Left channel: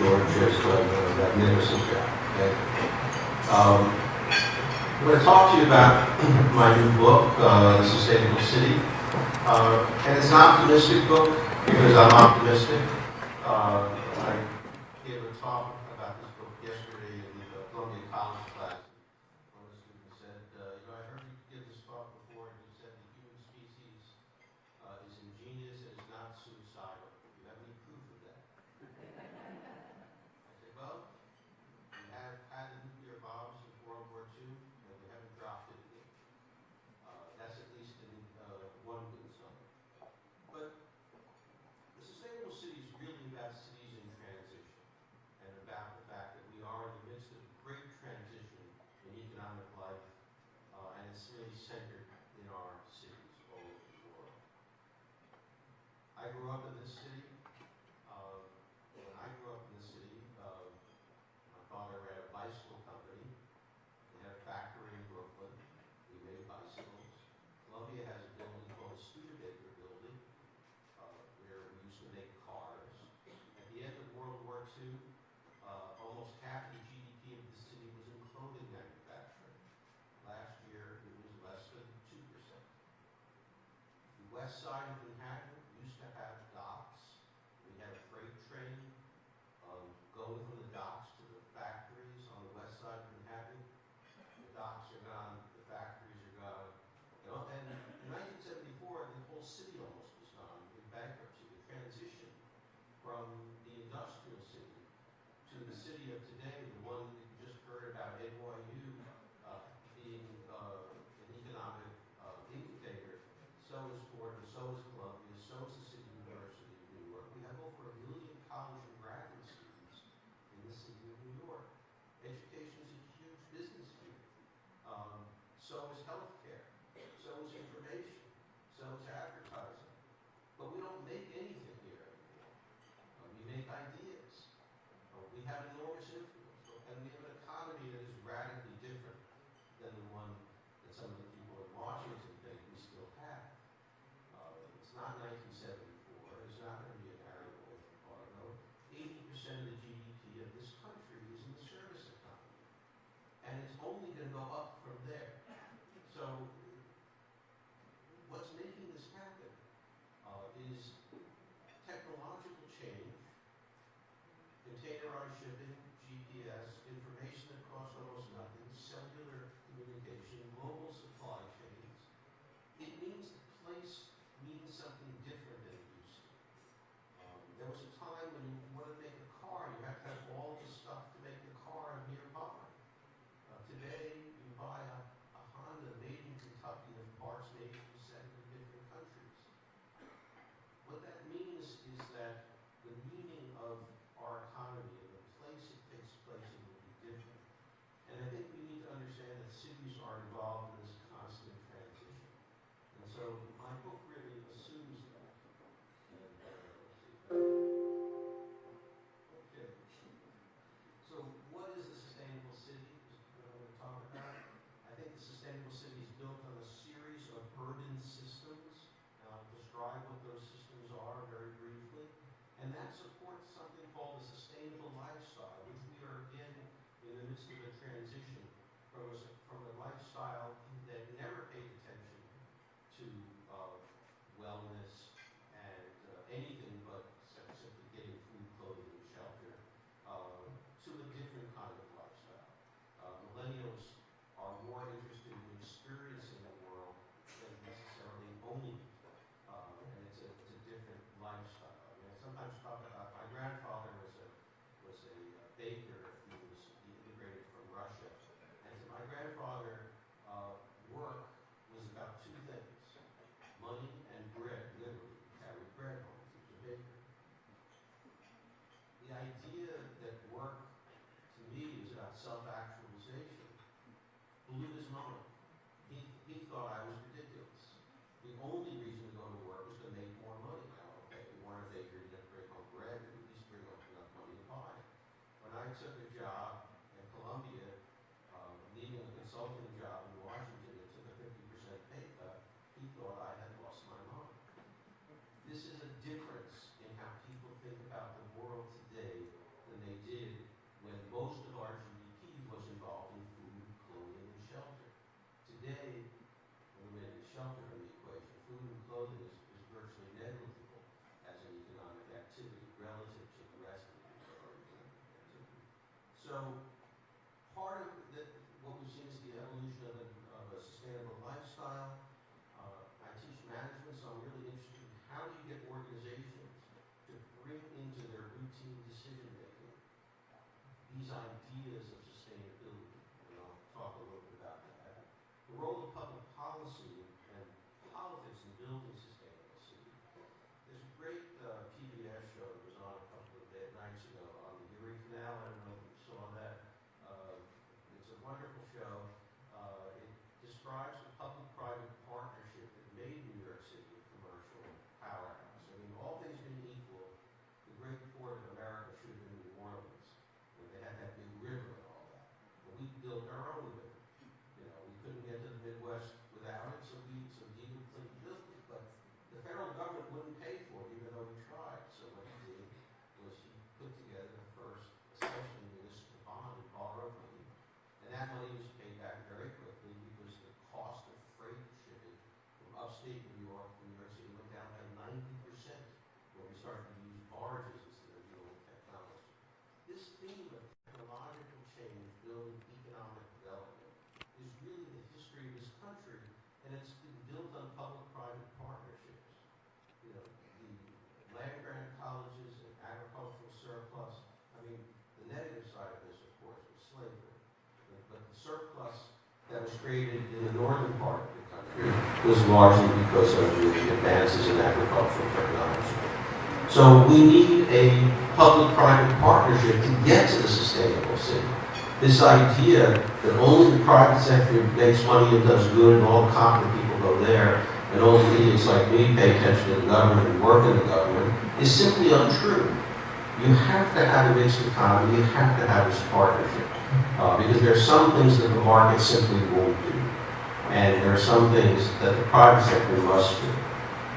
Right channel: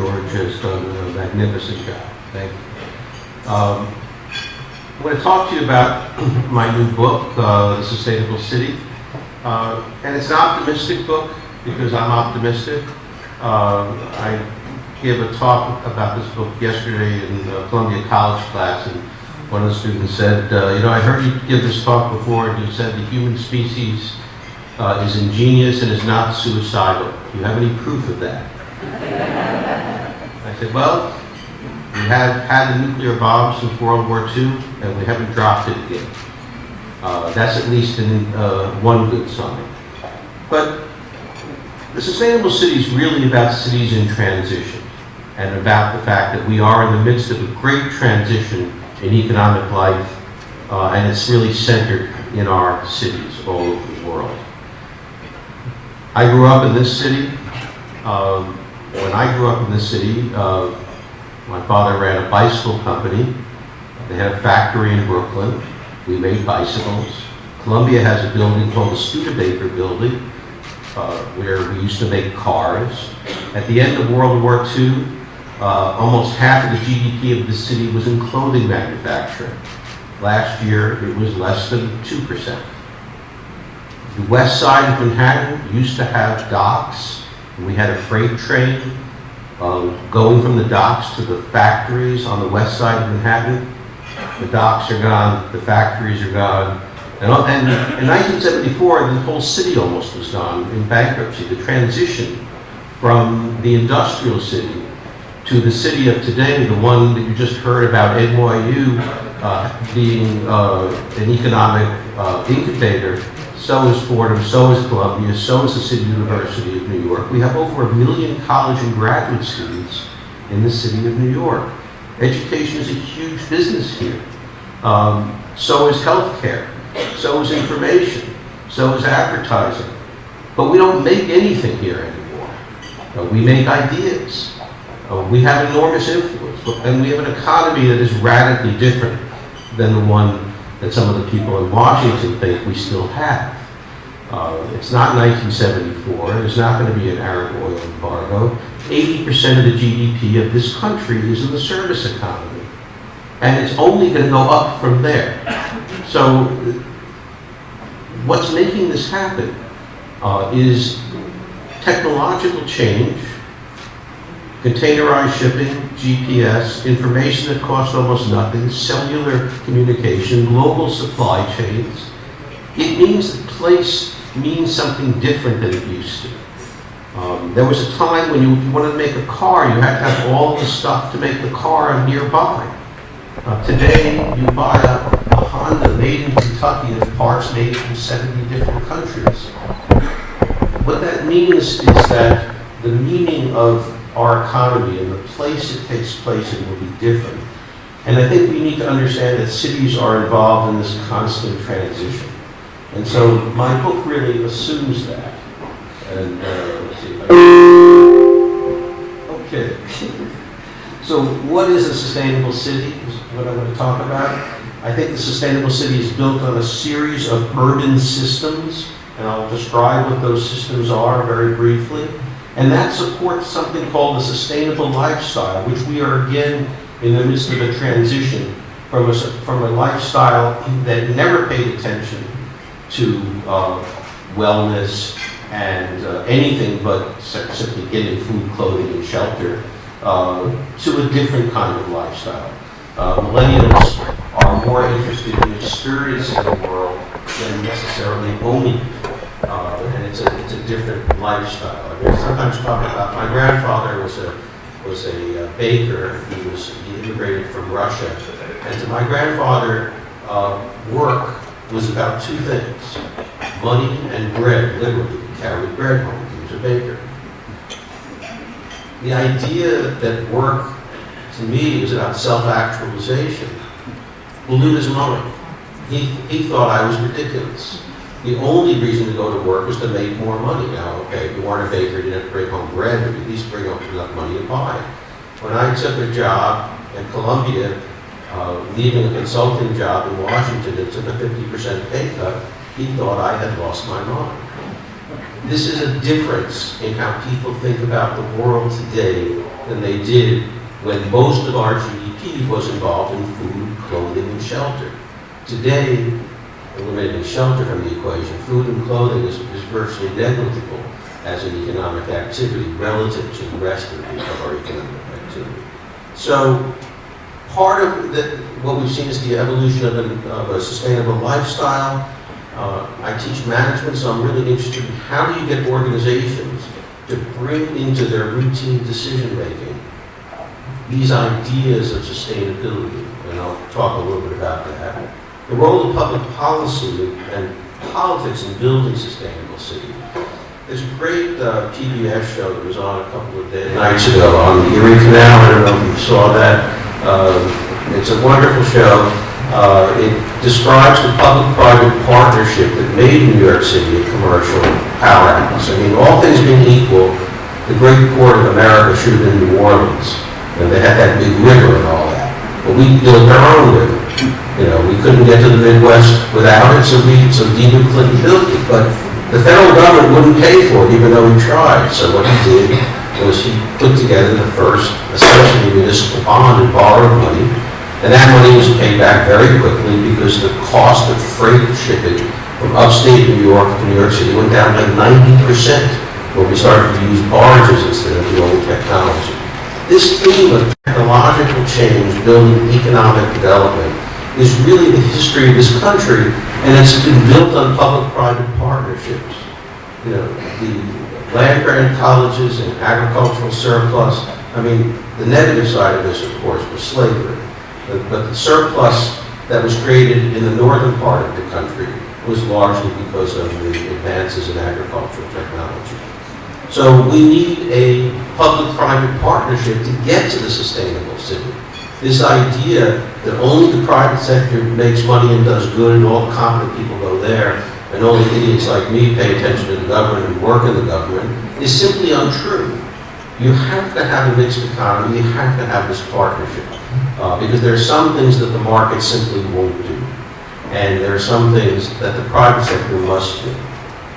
George has done a magnificent job. Thank you. I'm going to talk to you about my new book, The Sustainable City. And it's an optimistic book because I'm optimistic. I gave a talk about this book yesterday in Columbia College class, and one of the students said, I heard you give this talk before, and you said the human species is ingenious and is not suicidal. Do you have any proof of that? I said, well, we have had a nuclear bomb since World War II, and we haven't dropped it again. That's at least one good sign. But the sustainable city is really about cities in transition, and about the fact that we are in the midst of a great transition in economic life, and it's really centered in our cities all over the world. I grew up in this city. When I grew up in this city, my father ran a bicycle company. They had a factory in Brooklyn. We made bicycles. Columbia has a building called the Studebaker Building, where we used to make cars. At the end of World War II, almost half of the GDP of the city was in clothing manufacturing. Last year, it was less than 2%. The west side of Manhattan used to have docks. We had a freight train going from the docks to the factories on the west side of Manhattan. The docks are gone, the factories are gone. And in 1974, the whole city almost was gone in bankruptcy. The transition from the industrial city to the city of today, the one that you just heard about, NYU, being an economic incubator. So is Fordham, so is Columbia, so is the City University of New York. We have over 1 million college and graduate students in the city of New York. Education is a huge business here. So is healthcare, so is information, so is advertising. But we don't make anything here anymore. We make ideas. We have enormous influence, and we have an economy that is radically different than the one that some of the people in Washington think we still have. It's not 1974. There's not going to be an Arab oil embargo. 80% of the GDP of this country is in the service economy. And it's only going to go up from there. So what's making this happen is technological change, containerized shipping, GPS, information that costs almost nothing, cellular communication, global supply chains. It means that place means something different than it used to. There was a time when if you wanted to make a car, you had to have all the stuff to make the car nearby. Today, you buy a Honda made in Kentucky with parts made from 70 different countries. What that means is that the meaning of our economy and the place it takes place in will be different. And I think we need to understand that cities are involved in this constant transition. And so my book really assumes that. And let's see if I can. Okay. So what is a sustainable city is what I'm going to talk about. I think the sustainable city is built on a series of urban systems, and I'll describe what those systems are very briefly. And that supports something called the sustainable lifestyle, which we are again in the midst of a transition from a lifestyle that never paid attention to wellness and anything but simply getting food, clothing, and shelter, to a different kind of lifestyle. Millennials are more interested in experiencing the world than necessarily owning it. And it's a different lifestyle. I mean, sometimes talk about my grandfather was a baker. He immigrated from Russia, and to my grandfather, work was about two things: money and bread. Literally, he carried bread home. He was a baker. The idea that work, to me, is about self-actualization blew his mind. He thought I was ridiculous. The only reason to go to work was to make more money. Now, okay, if you weren't a baker, you didn't have to bring home bread, but at least bring home enough money to buy it. When I took a job at Columbia, leaving a consulting job in Washington and took a 50% pay cut, he thought I had lost my mind. This is a difference in how people think about the world today than they did when most of our GDP was involved in food, clothing, and shelter. Today, eliminating shelter from the equation, food and clothing is virtually negligible as an economic activity relative to the rest of our economic activity. So part of what we've seen is the evolution of a sustainable lifestyle. I teach management, so I'm really interested in how do you get organizations to bring into their routine decision-making these ideas of sustainability, and I'll talk a little bit about that. The role of public policy and politics in building sustainable cities. There's a great PBS show that was on a couple of nights ago on the Erie Canal. I don't know if you saw that. It's a wonderful show. It describes the public-private partnership that made New York City a commercial powerhouse. I mean, all things being equal, the great port of America should have been New Orleans. And they had that big river and all that. But we built our own river. You know, we couldn't get to the Midwest without it, so Dean Clinton built it. But the federal government wouldn't pay for it, even though he tried. So what he did was he put together the first, essentially, municipal bond and borrowed money. And that money was paid back very quickly because the cost of freight shipping from upstate New York to New York City went down by 90% when we started to use barges instead of the old technology. This theme of technological change, building economic development, is really the history of this country, and it's been built on public-private partnerships. You know, the land-grant colleges and agricultural surplus. I mean, the negative side of this, of course, was slavery. But the surplus that was created in the northern part of the country was largely because of the advances in agricultural technology. So we need a public-private partnership to get to the sustainable city. This idea that only the private sector makes money and does good and all the competent people go there and only idiots like me pay attention to the government and work in the government is simply untrue. You have to have a mixed economy, you have to have this partnership. Because there are some things that the market simply won't do. And there are some things that the private sector must do.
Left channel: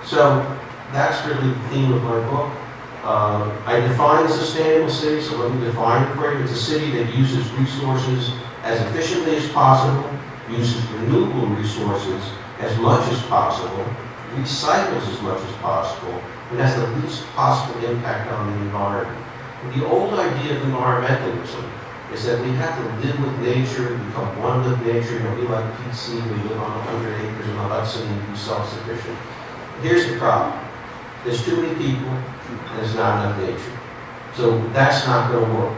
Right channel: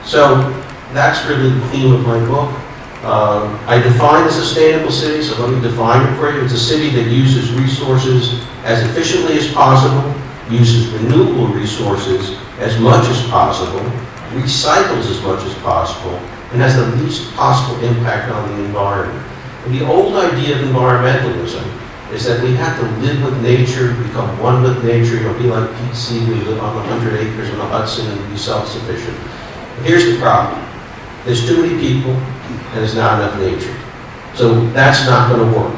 So that's really the theme of my book. I define a sustainable city, so let me define it for you. It's a city that uses resources as efficiently as possible, uses renewable resources as much as possible, recycles as much as possible, and has the least possible impact on the environment. And the old idea of environmentalism is that we have to live with nature, become one with nature, be like Pete Seeley, live on 100 acres in the Hudson and be self-sufficient. But here's the problem. There's too many people and there's not enough nature. So that's not going to work.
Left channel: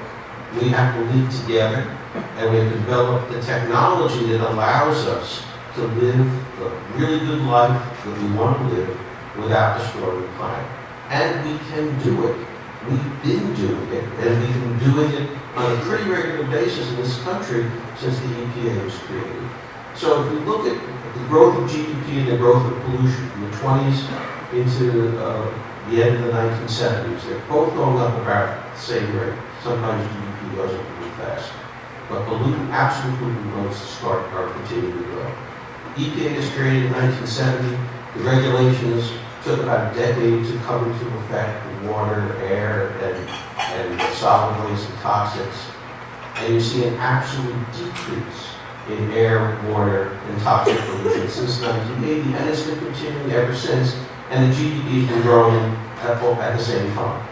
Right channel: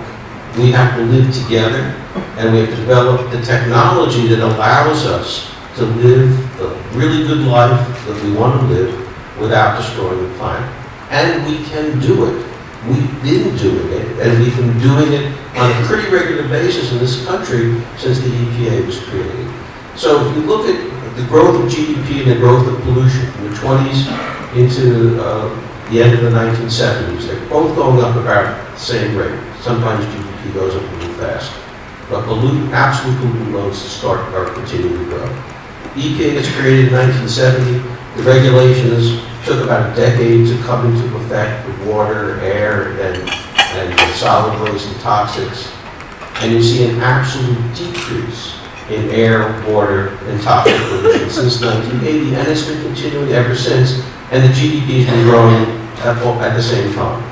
We have to live together and we have to develop the technology that allows us to live the really good life that we want to live without destroying the planet. And we can do it. We've been doing it, and we've been doing it on a pretty regular basis in this country since the EPA was created. So if you look at the growth of GDP and the growth of pollution from the 20s into the end of the 1970s, they're both going up about the same rate. Sometimes GDP goes up a little fast. But absolute pollutant loads are continuing to grow. EPA was created in 1970. The regulations took about a decade to come into effect with water, air, and solid waste and toxics. And you see an absolute decrease in air, water, and toxic pollution since 1980, and it's been continuing ever since, and the GDP has been growing at the same time.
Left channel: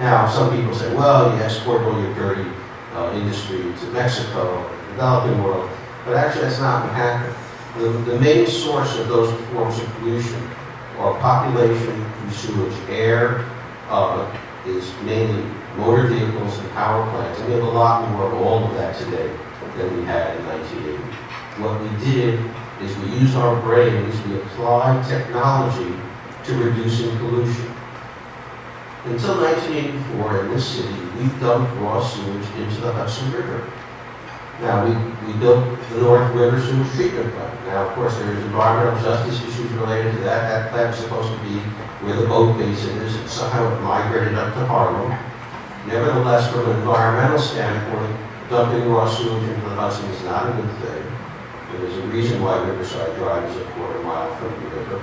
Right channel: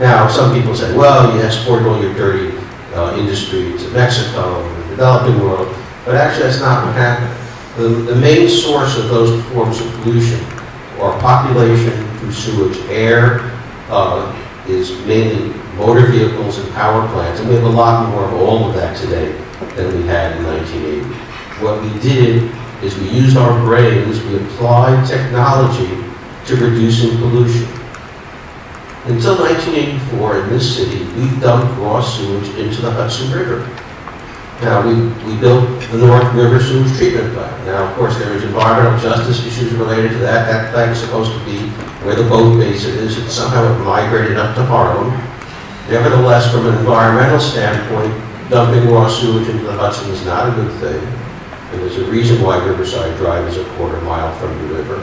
Now, some people say, well, you export all your dirty industry to Mexico and the developing world, but actually that's not what happened. The main source of those forms of pollution are population through sewage. Air is mainly motor vehicles and power plants, and we have a lot more of all of that today than we had in 1980. What we did is we used our brains, we applied technology to reducing pollution. Until 1984, in this city, we dumped raw sewage into the Hudson River. Now, we built the North River Sewage Treatment Plant. Now, of course, there's environmental justice issues related to that. That plant is supposed to be where the boat basin is, and somehow it migrated up to Harlem. Nevertheless, from an environmental standpoint, dumping raw sewage into the Hudson is not a good thing. And there's a reason why Riverside Drive is a quarter mile from the river.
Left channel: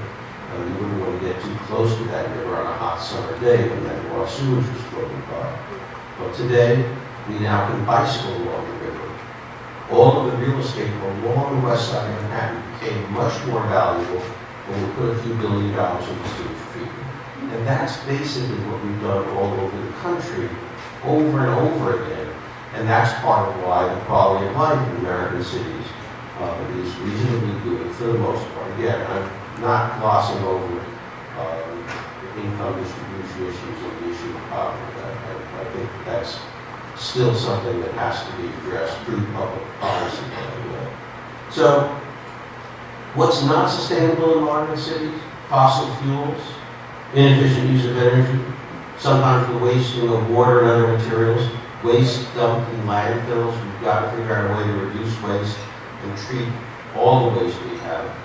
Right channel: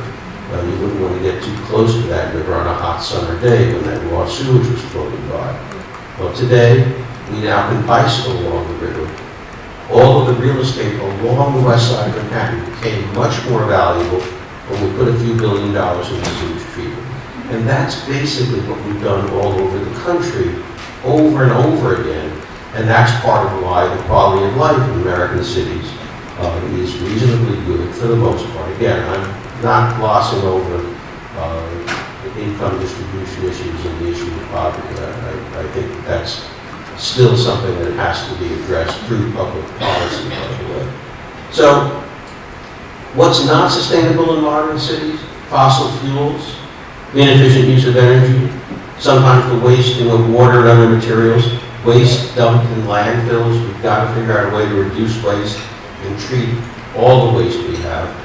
You wouldn't want to get too close to that river on a hot summer day when that raw sewage was floating by. Well, today, we now can bicycle along the river. All of the real estate along the west side of Manhattan became much more valuable when we put a few $1 billion into sewage treatment. And that's basically what we've done all over the country, over and over again. And that's part of why the quality of life in American cities is reasonably good for the most part. Again, I'm not glossing over the income distribution issues and the issue of poverty. I think that's still something that has to be addressed through public policy, by the way. So, what's not sustainable in modern cities? Fossil fuels, inefficient use of energy, sometimes the wasting of water and other materials, waste dumped in landfills. We've got to figure out a way to reduce waste and treat all the waste we have.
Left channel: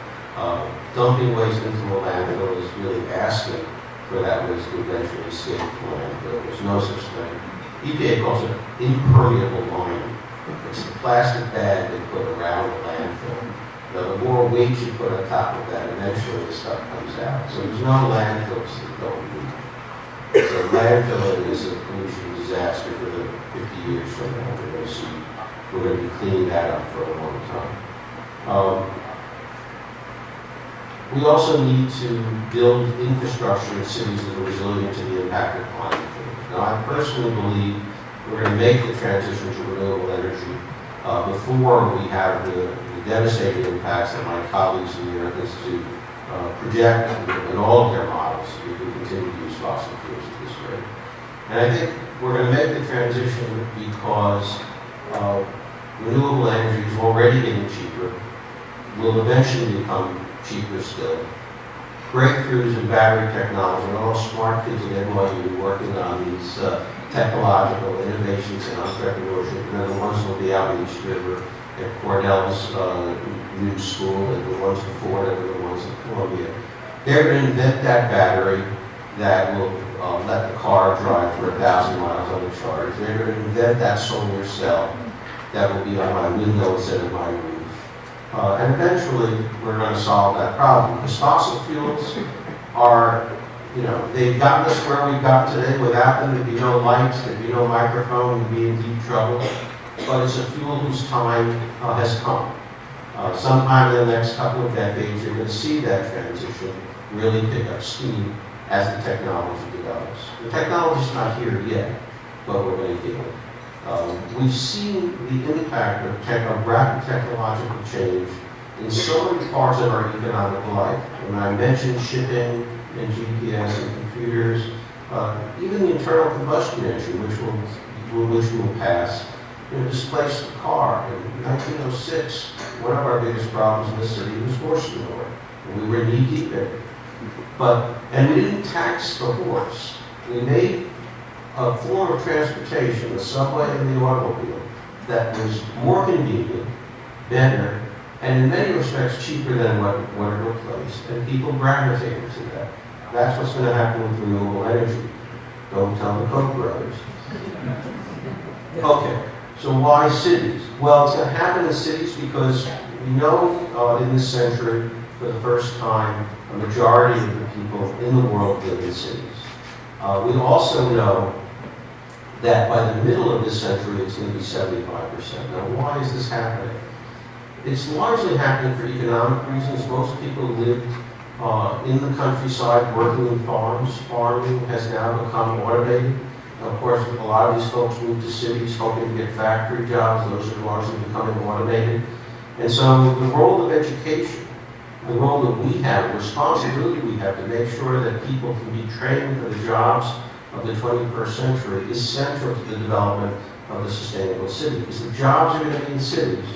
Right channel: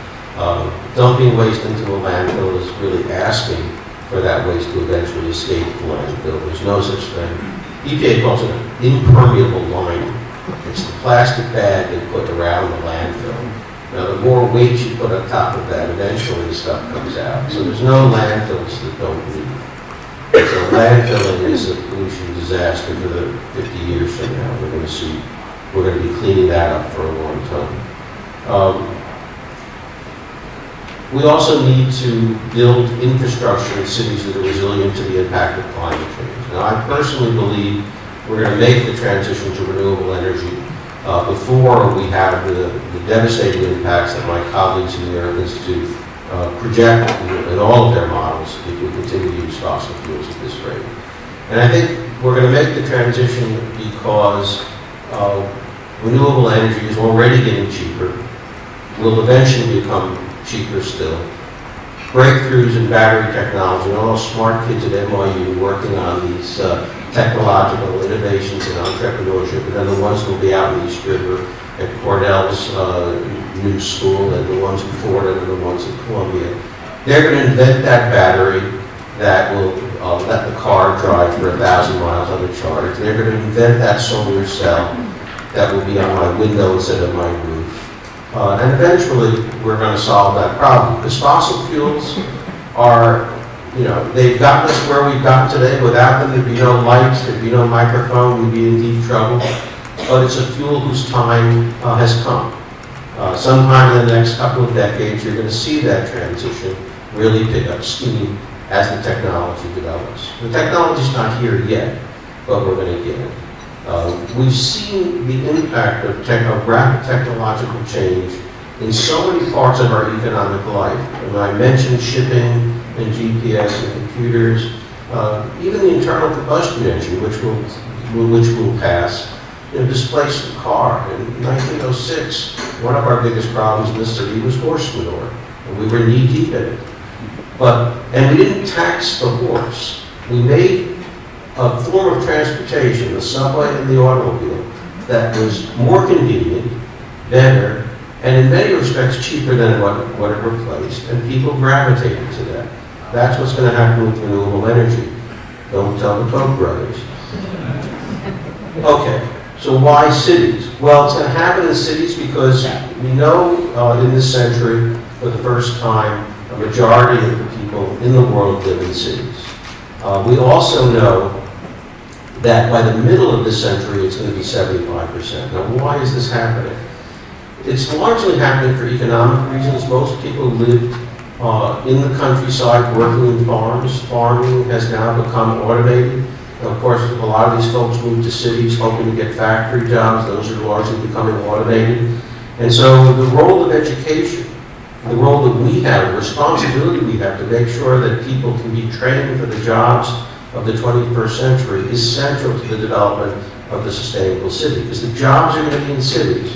Dumping waste into a landfill is really asking for that waste to eventually escape the landfill. There's no such thing. EPA calls it an impermeable lining. It's the plastic bag they put around the landfill. Now, the more weight you put on top of that, eventually the stuff comes out. So there's no landfills that don't leak. So landfilling is a pollution disaster for the 50 years from now. We're going to be cleaning that up for a long time. We also need to build infrastructure in cities that are resilient to the impact of climate change. Now, I personally believe we're going to make the transition to renewable energy before we have the devastating impacts that my colleagues in the Earth Institute project in all of their models if we continue to use fossil fuels at this rate. And I think we're going to make the transition because renewable energy is already getting cheaper, will eventually become cheaper still. Breakthroughs in battery technology, and all smart kids at NYU working on these technological innovations and entrepreneurship, and then the ones who will be out in East River at Cornell's new school, and the ones in Florida, and the ones in Columbia. They're going to invent that battery that will let the car drive for 1,000 miles on the charge. They're going to invent that solar cell that will be on my window instead of my roof. And eventually, we're going to solve that problem. Because fossil fuels are, they've gotten us where we've gotten today. Without them, there'd be no lights, there'd be no microphone, we'd be in deep trouble. But it's a fuel whose time has come. Sometime in the next couple of decades, you're going to see that transition really pick up steam as the technology develops. The technology's not here yet, but we're going to get it. We've seen the impact of rapid technological change in so many parts of our economic life. And I mentioned shipping and GPS and computers, even the internal combustion engine, which will pass, displaced the car. In 1906, one of our biggest problems in this city was horse manure, and we were knee deep in it. And we didn't tax the horse. We made a form of transportation, the subway and the automobile, that was more convenient, better, and in many respects cheaper than what it replaced, and people gravitated to that. That's what's going to happen with renewable energy. Don't tell the Koch brothers. Okay, so why cities? Well, it's going to happen in cities because we know in this century, for the first time, a majority of the people in the world live in cities. We also know that by the middle of this century, it's going to be 75%. Now, why is this happening? It's largely happening for economic reasons. Most people live in the countryside working in farms. Farming has now become automated. And of course, a lot of these folks move to cities hoping to get factory jobs. Those are largely becoming automated. And so the role of education, the role that we have, the responsibility we have to make sure that people can be trained for the jobs of the 21st century is central to the development of the sustainable city. Because the jobs are going to be in cities,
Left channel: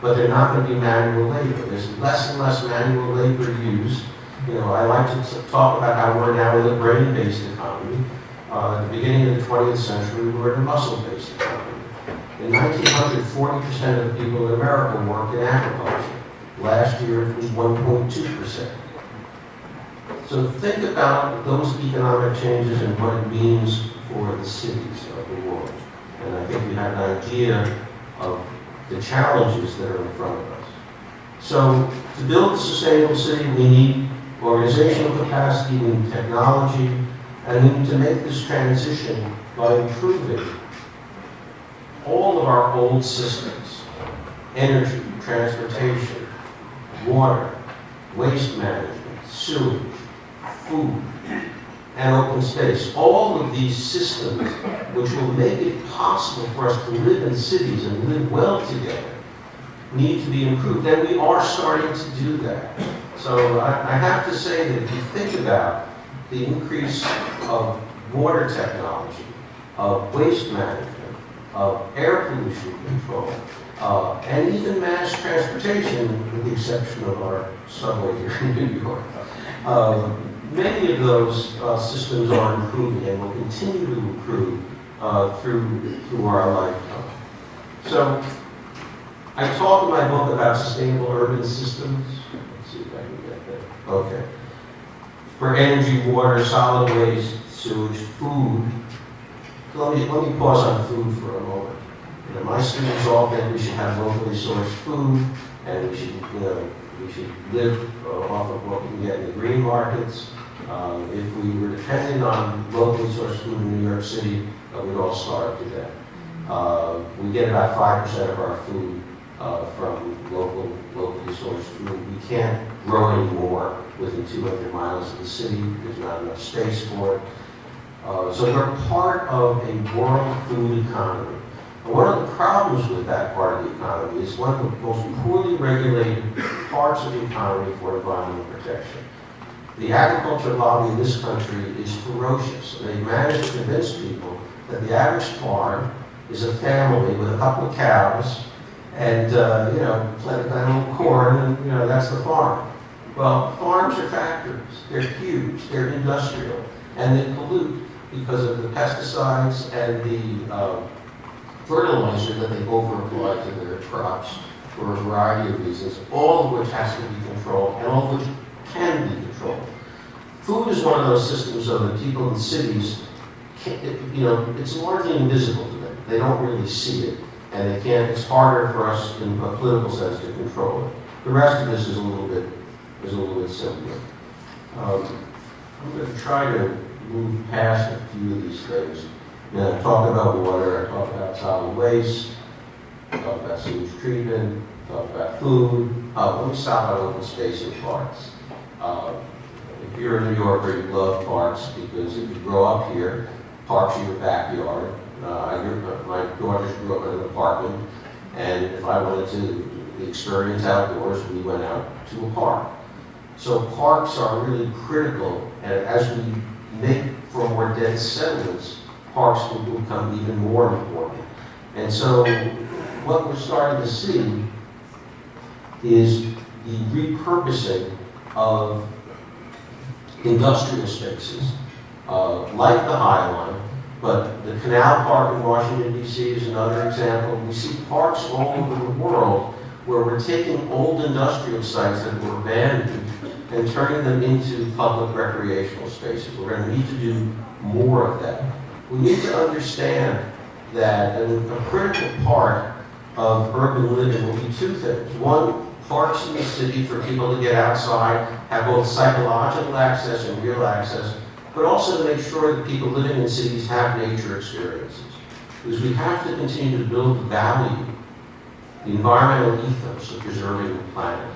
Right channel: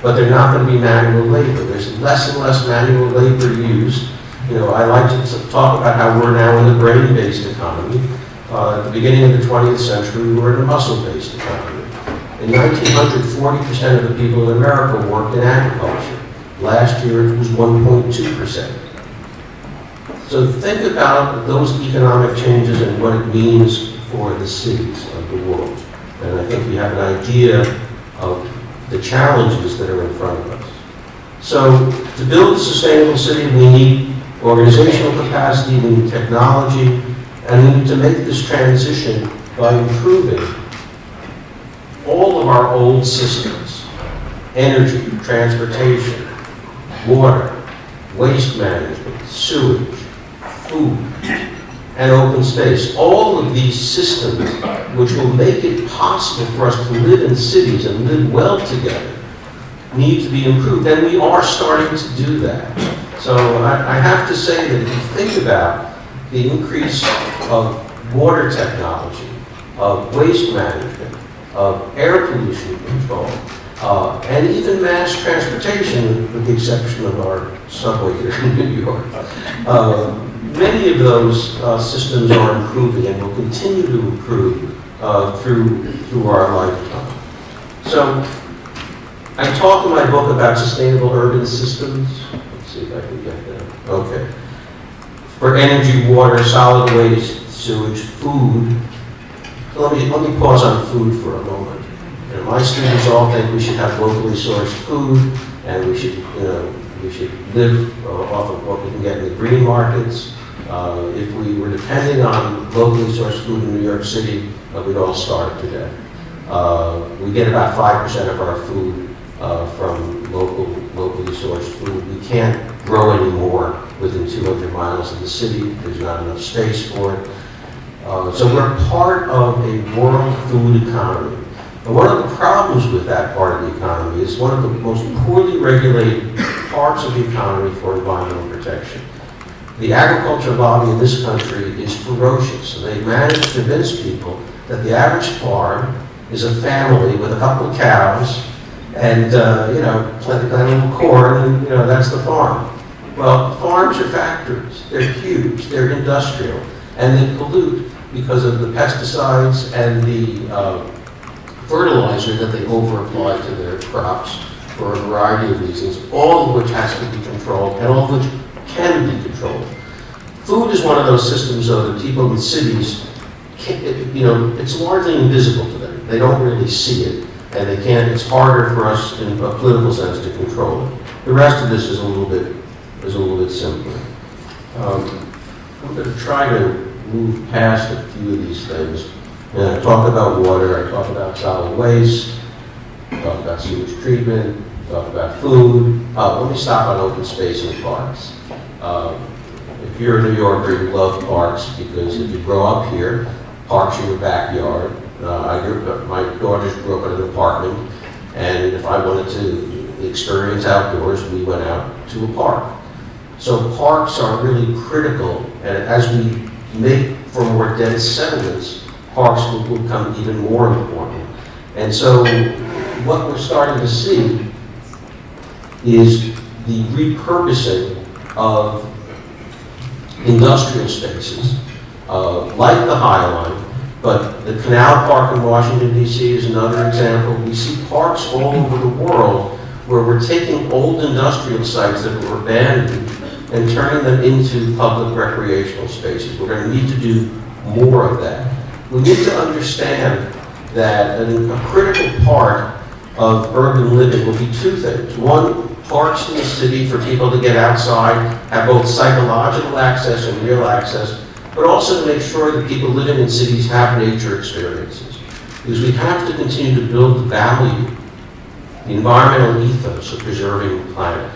but they're not going to be manual labor. There's less and less manual labor used. I like to talk about how we're now in the brain-based economy. At the beginning of the 20th century, we were in a muscle-based economy. In 1900, 40% of the people in America worked in agriculture. Last year, it was 1.2%. So think about those economic changes and what it means for the cities of the world. And I think we have an idea of the challenges that are in front of us. So to build a sustainable city, we need organizational capacity, we need technology, and we need to make this transition by improving our old systems: energy, transportation, water, waste management, sewage, food, and open space. All of these systems, which will make it possible for us to live in cities and live well together, need to be improved, and we are starting to do that. So I have to say that if you think about the increase of water technology, of waste management, of air pollution control, and even mass transportation, with the exception of our subway here in New York, many of those systems are improving and will continue to improve through our lifetime. So I talk in my book about sustainable urban systems. Let's see if I can get that. Okay. For energy, water, solid waste, sewage, food. Let me pause on food for a moment. You know, my students all think we should have locally sourced food, and we should live off of what we can get in the green markets. If we were depending on locally sourced food in New York City, we'd all starve to death. We get about 5% of our food from locally sourced food. We can't grow any more within 200 miles of the city. There's not enough space for it. So we're part of a world food economy. And one of the problems with that part of the economy is one of the most poorly regulated parts of the economy for environmental protection. The agriculture lobby in this country is ferocious, and they've managed to convince people that the average farm is a family with a couple of cows and plant a little corn, and that's the farm. Well, farms are factories. They're huge. They're industrial, and they pollute because of the pesticides and the fertilizer that they over-apply to their crops for a variety of reasons, all of which has to be controlled, and all of which can be controlled. Food is one of those systems, though, that people in cities, it's largely invisible to them. They don't really see it, and they can't. It's harder for us in a political sense to control it. The rest of this is a little bit simpler. I'm going to try to move past a few of these things. And I talk about water, I talk about solid waste, I talk about sewage treatment, I talk about food. Let me stop on open space and parks. If you're a New Yorker, you love parks because if you grow up here, parks are your backyard. My daughters grew up in an apartment, and if I wanted to experience outdoors, we went out to a park. So parks are really critical, and as we make for more dense settlements, parks will become even more important. And so what we're starting to see is the repurposing of industrial spaces, like the High Line, but the Canal Park in Washington, D.C. is another example. We see parks all over the world where we're taking old industrial sites that were abandoned and turning them into public recreational spaces. We're going to need to do more of that. We need to understand that a critical part of urban living will be two things. One, parks in the city for people to get outside, have both psychological access and real access, but also to make sure that people living in cities have nature experiences. Because we have to continue to build the value, the environmental ethos of preserving the planet.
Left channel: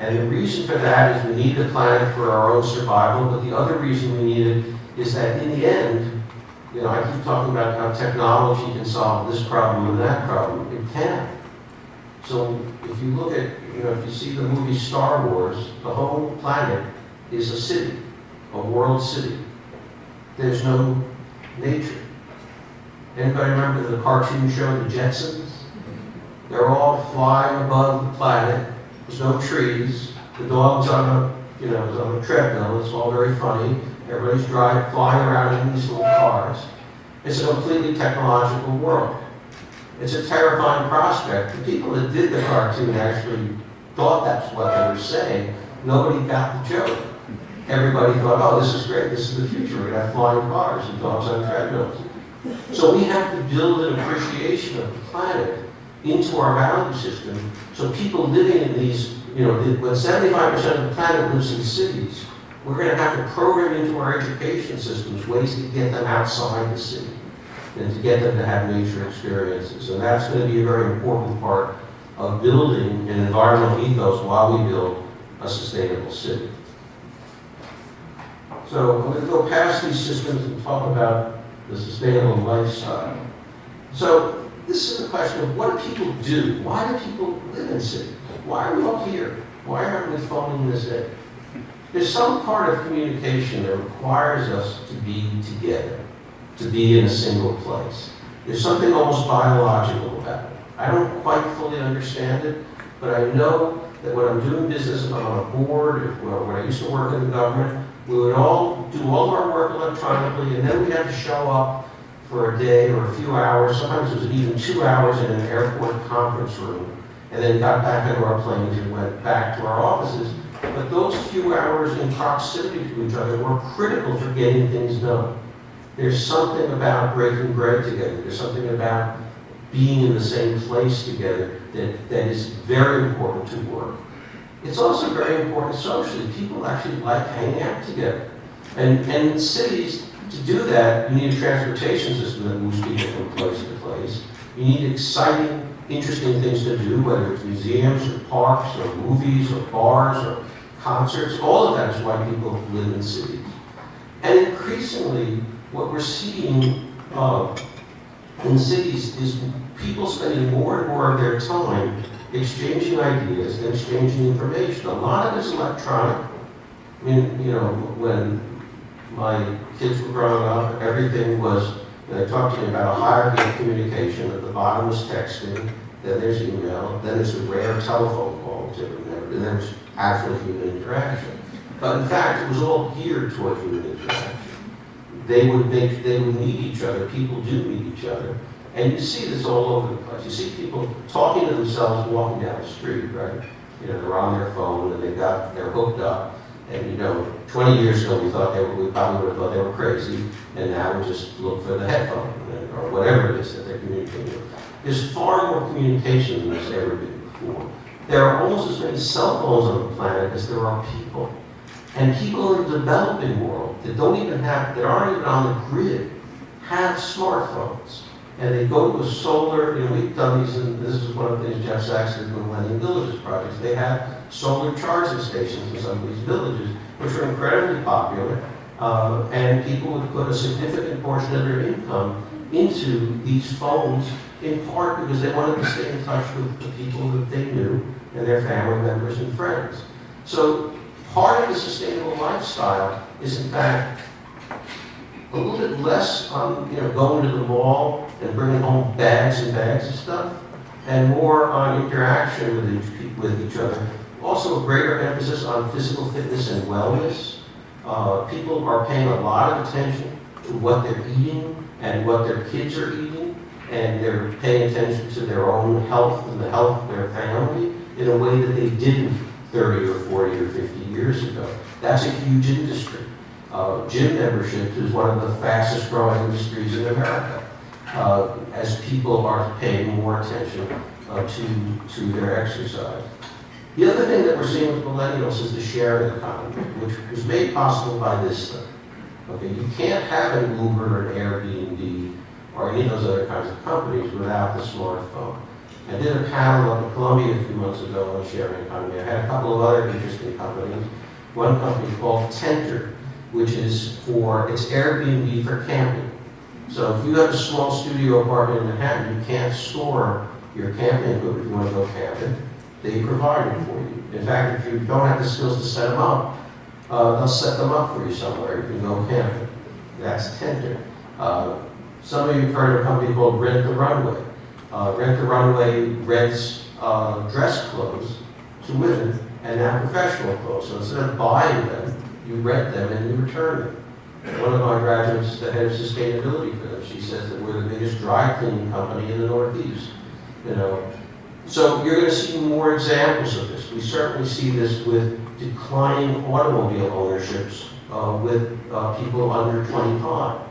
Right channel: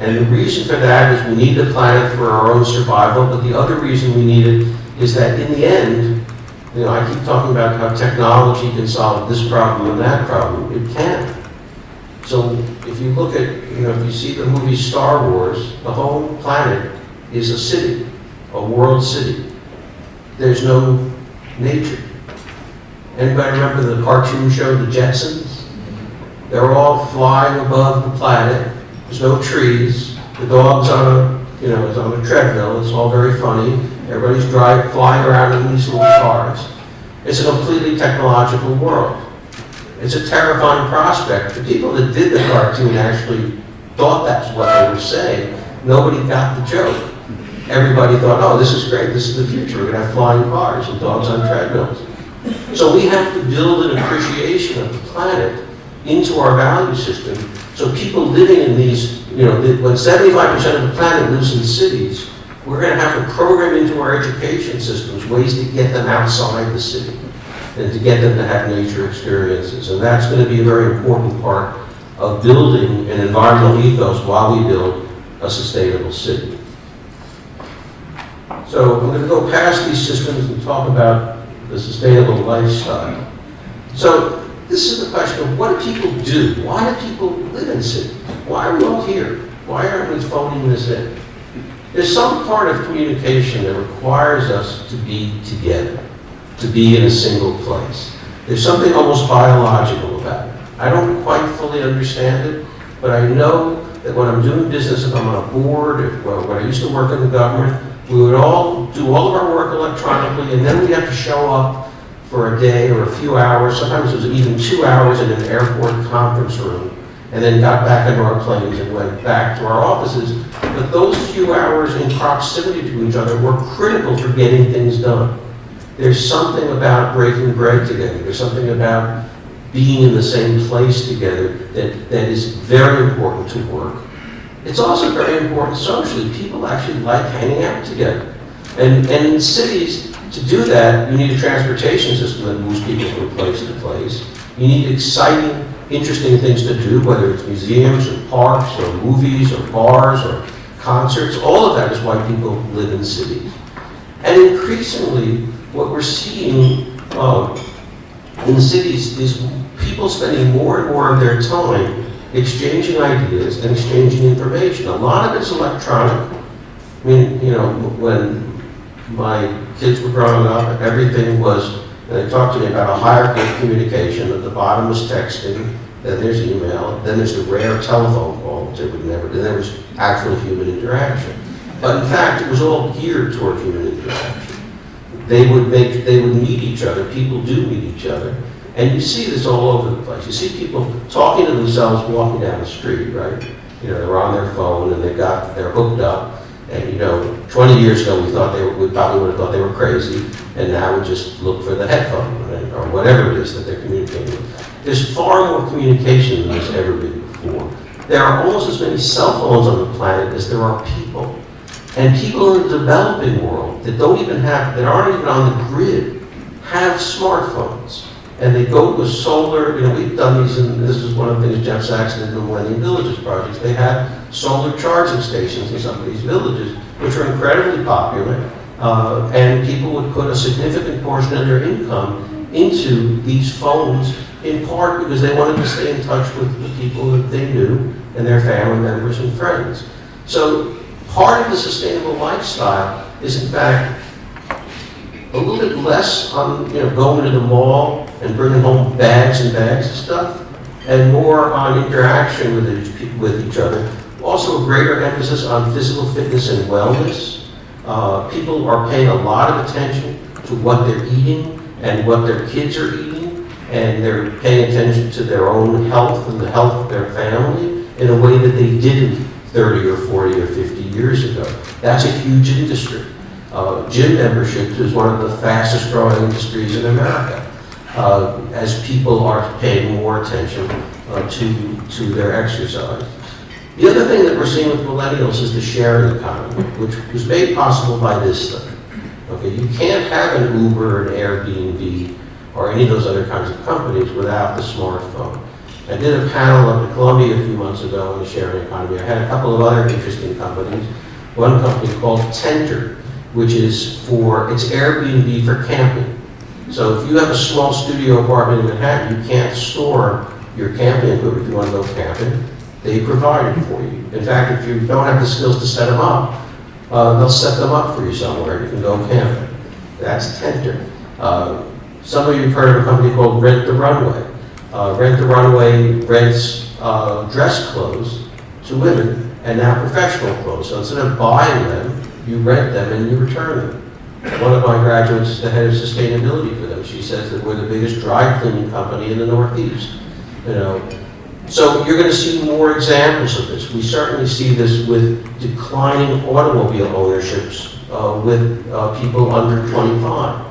And the reason for that is we need the planet for our own survival, but the other reason we need it is that in the end, I keep talking about how technology can solve this problem and that problem. It can. So if you look at, if you see the movie Star Wars, the whole planet is a city, a world city. There's no nature. Anybody remember the cartoon show, The Jetsons? They're all flying above the planet. There's no trees. The dog's on a treadmill. It's all very funny. Everybody's flying around in these little cars. It's a completely technological world. It's a terrifying prospect. The people that did the cartoon actually thought that's what they were saying. Nobody got the joke. Everybody thought, oh, this is great. This is the future. We're going to have flying cars and dogs on treadmills. So we have to build an appreciation of the planet into our value system so people living in these, when 75% of the planet lives in cities, we're going to have to program into our education systems ways to get them outside the city. and to get them to have nature experiences. And that's going to be a very important part of building an environmental ethos while we build a sustainable city. So I'm going to go past these systems and talk about the sustainable lifestyle. So this is the question of, what do people do? Why do people live in cities? Why are we all here? Why aren't we phoning this in? There's some part of communication that requires us to be together, to be in a single place. There's something almost biological about it. I don't quite fully understand it, but I know that when I'm doing business, if I'm on a board, when I used to work in the government, we would all do all of our work electronically, and then we'd have to show up for a day or a few hours. Sometimes it was even 2 hours in an airport conference room, and then got back into our planes and went back to our offices. But those few hours in proximity to each other were critical for getting things done. There's something about breaking bread together. There's something about being in the same place together that is very important to work. It's also very important socially. People actually like hanging out together. And in cities, to do that, you need a transportation system that moves people from place to place. You need exciting, interesting things to do, whether it's museums or parks or movies or bars or concerts. All of that is why people live in cities. And increasingly, what we're seeing in cities is people spending more and more of their time exchanging ideas and exchanging information. A lot of it's electronic. I mean, you know, when my kids were growing up, everything was, they talked to me about a hierarchy of communication. At the bottom was texting, then there's email, then there's the rare telephone call, which they would never do, then there's actual human interaction. But in fact, it was all geared toward human interaction. They would meet each other, people do meet each other, and you see this all over the place. You see people talking to themselves walking down the street, right? You know, they're on their phone and they're hooked up, and you know, 20 years ago we probably would have thought they were crazy, and now we just look for the headphone, right? Or whatever it is that they're communicating with. There's far more communication than there's ever been before. There are almost as many cell phones on the planet as there are people. And people in the developing world that aren't even on the grid, have smartphones. And they go with solar, you know, we've done these, and this is one of the things Jeff Saxon did in the Millennium Villages projects. They have solar charging stations in some of these villages, which are incredibly popular. And people would put a significant portion of their income into these phones, in part because they wanted to stay in touch with the people that they knew and their family members and friends. So part of the sustainable lifestyle is, in fact, a little bit less on, you know, going to the mall and bringing home bags and bags of stuff, and more on interaction with each other. Also a greater emphasis on physical fitness and wellness. People are paying a lot of attention to what they're eating and what their kids are eating, and they're paying attention to their own health and the health of their family in a way that they didn't 30 or 40 or 50 years ago. That's a huge industry. Gym membership is one of the fastest growing industries in America, as people are paying more attention to their exercise. The other thing that we're seeing with millennials is the sharing economy, which was made possible by this stuff. Okay, you can't have an Uber, an Airbnb, or any of those other kinds of companies without the smartphone. I did a panel up at Columbia a few months ago on the sharing economy. I had a couple of other interesting companies. One company called Tenter, which is it's Airbnb for camping. So if you have a small studio apartment in Manhattan, you can't store your camping equipment if you want to go camping. They provide it for you. In fact, if you don't have the skills to set them up, they'll set them up for you somewhere. You can go camping. That's Tenter. Some of you have heard of a company called Rent the Runway. Rent the Runway rents dress clothes to women, and now professional clothes. So instead of buying them, you rent them and you return them. One of my graduates is the head of sustainability for them. She says that we're the biggest dry cleaning company in the Northeast. You know, so you're going to see more examples of this. We certainly see this with declining automobile ownerships with people under 25.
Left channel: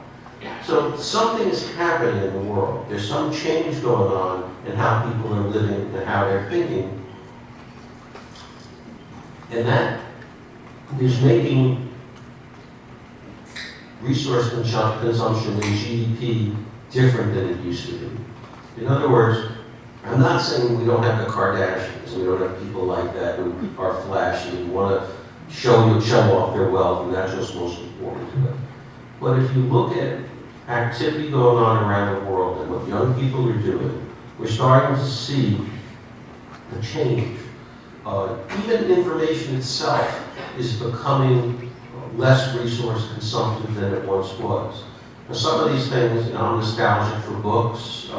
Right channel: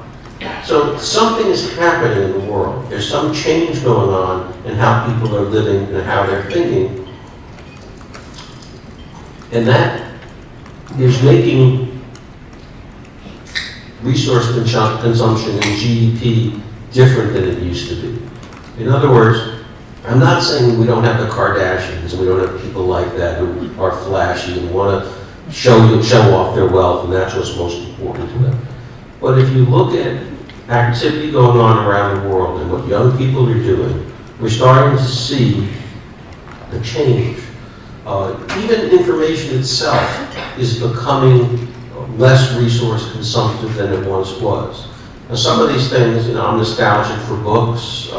So something is happening in the world. There's some change going on in how people are living and how they're thinking. And that is making resource consumption and GDP different than it used to be. In other words, I'm not saying we don't have the Kardashians and we don't have people like that who are flashy and want to show off their wealth, and that's what's most important to them. But if you look at activity going on around the world and what young people are doing, we're starting to see a change. Even information itself is becoming less resource consumptive than it once was. Now, some of these things, I'm nostalgic for books,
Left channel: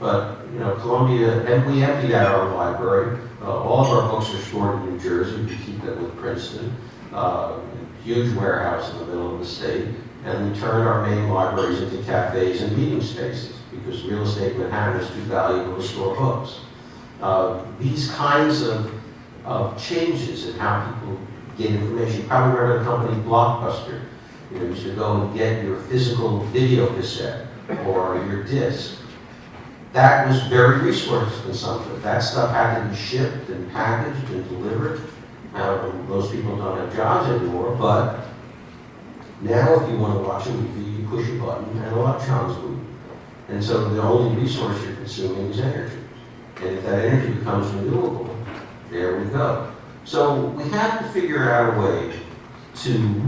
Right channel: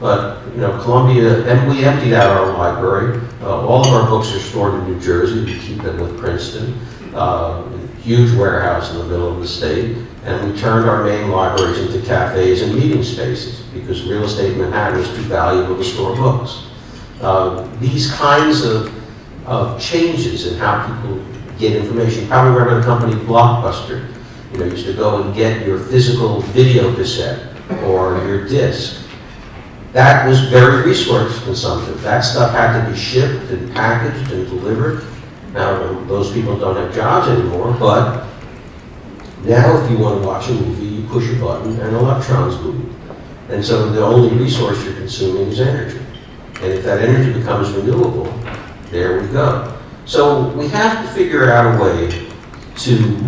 but Columbia, and we emptied out our library. All of our books are stored in New Jersey. We keep them with Princeton, a huge warehouse in the middle of the state. And we turned our main libraries into cafes and meeting spaces because real estate in Manhattan is too valuable to store books. These kinds of changes in how people get information. You probably remember the company Blockbuster. You used to go and get your physical video cassette or your disc. That was very resource consumptive. That stuff had to be shipped and packaged and delivered. Now, those people don't have jobs anymore, but now if you want to watch a movie, you push a button and electrons move. And so the only resource you're consuming is energy. And if that energy becomes renewable, there we go. So we have to figure out a way to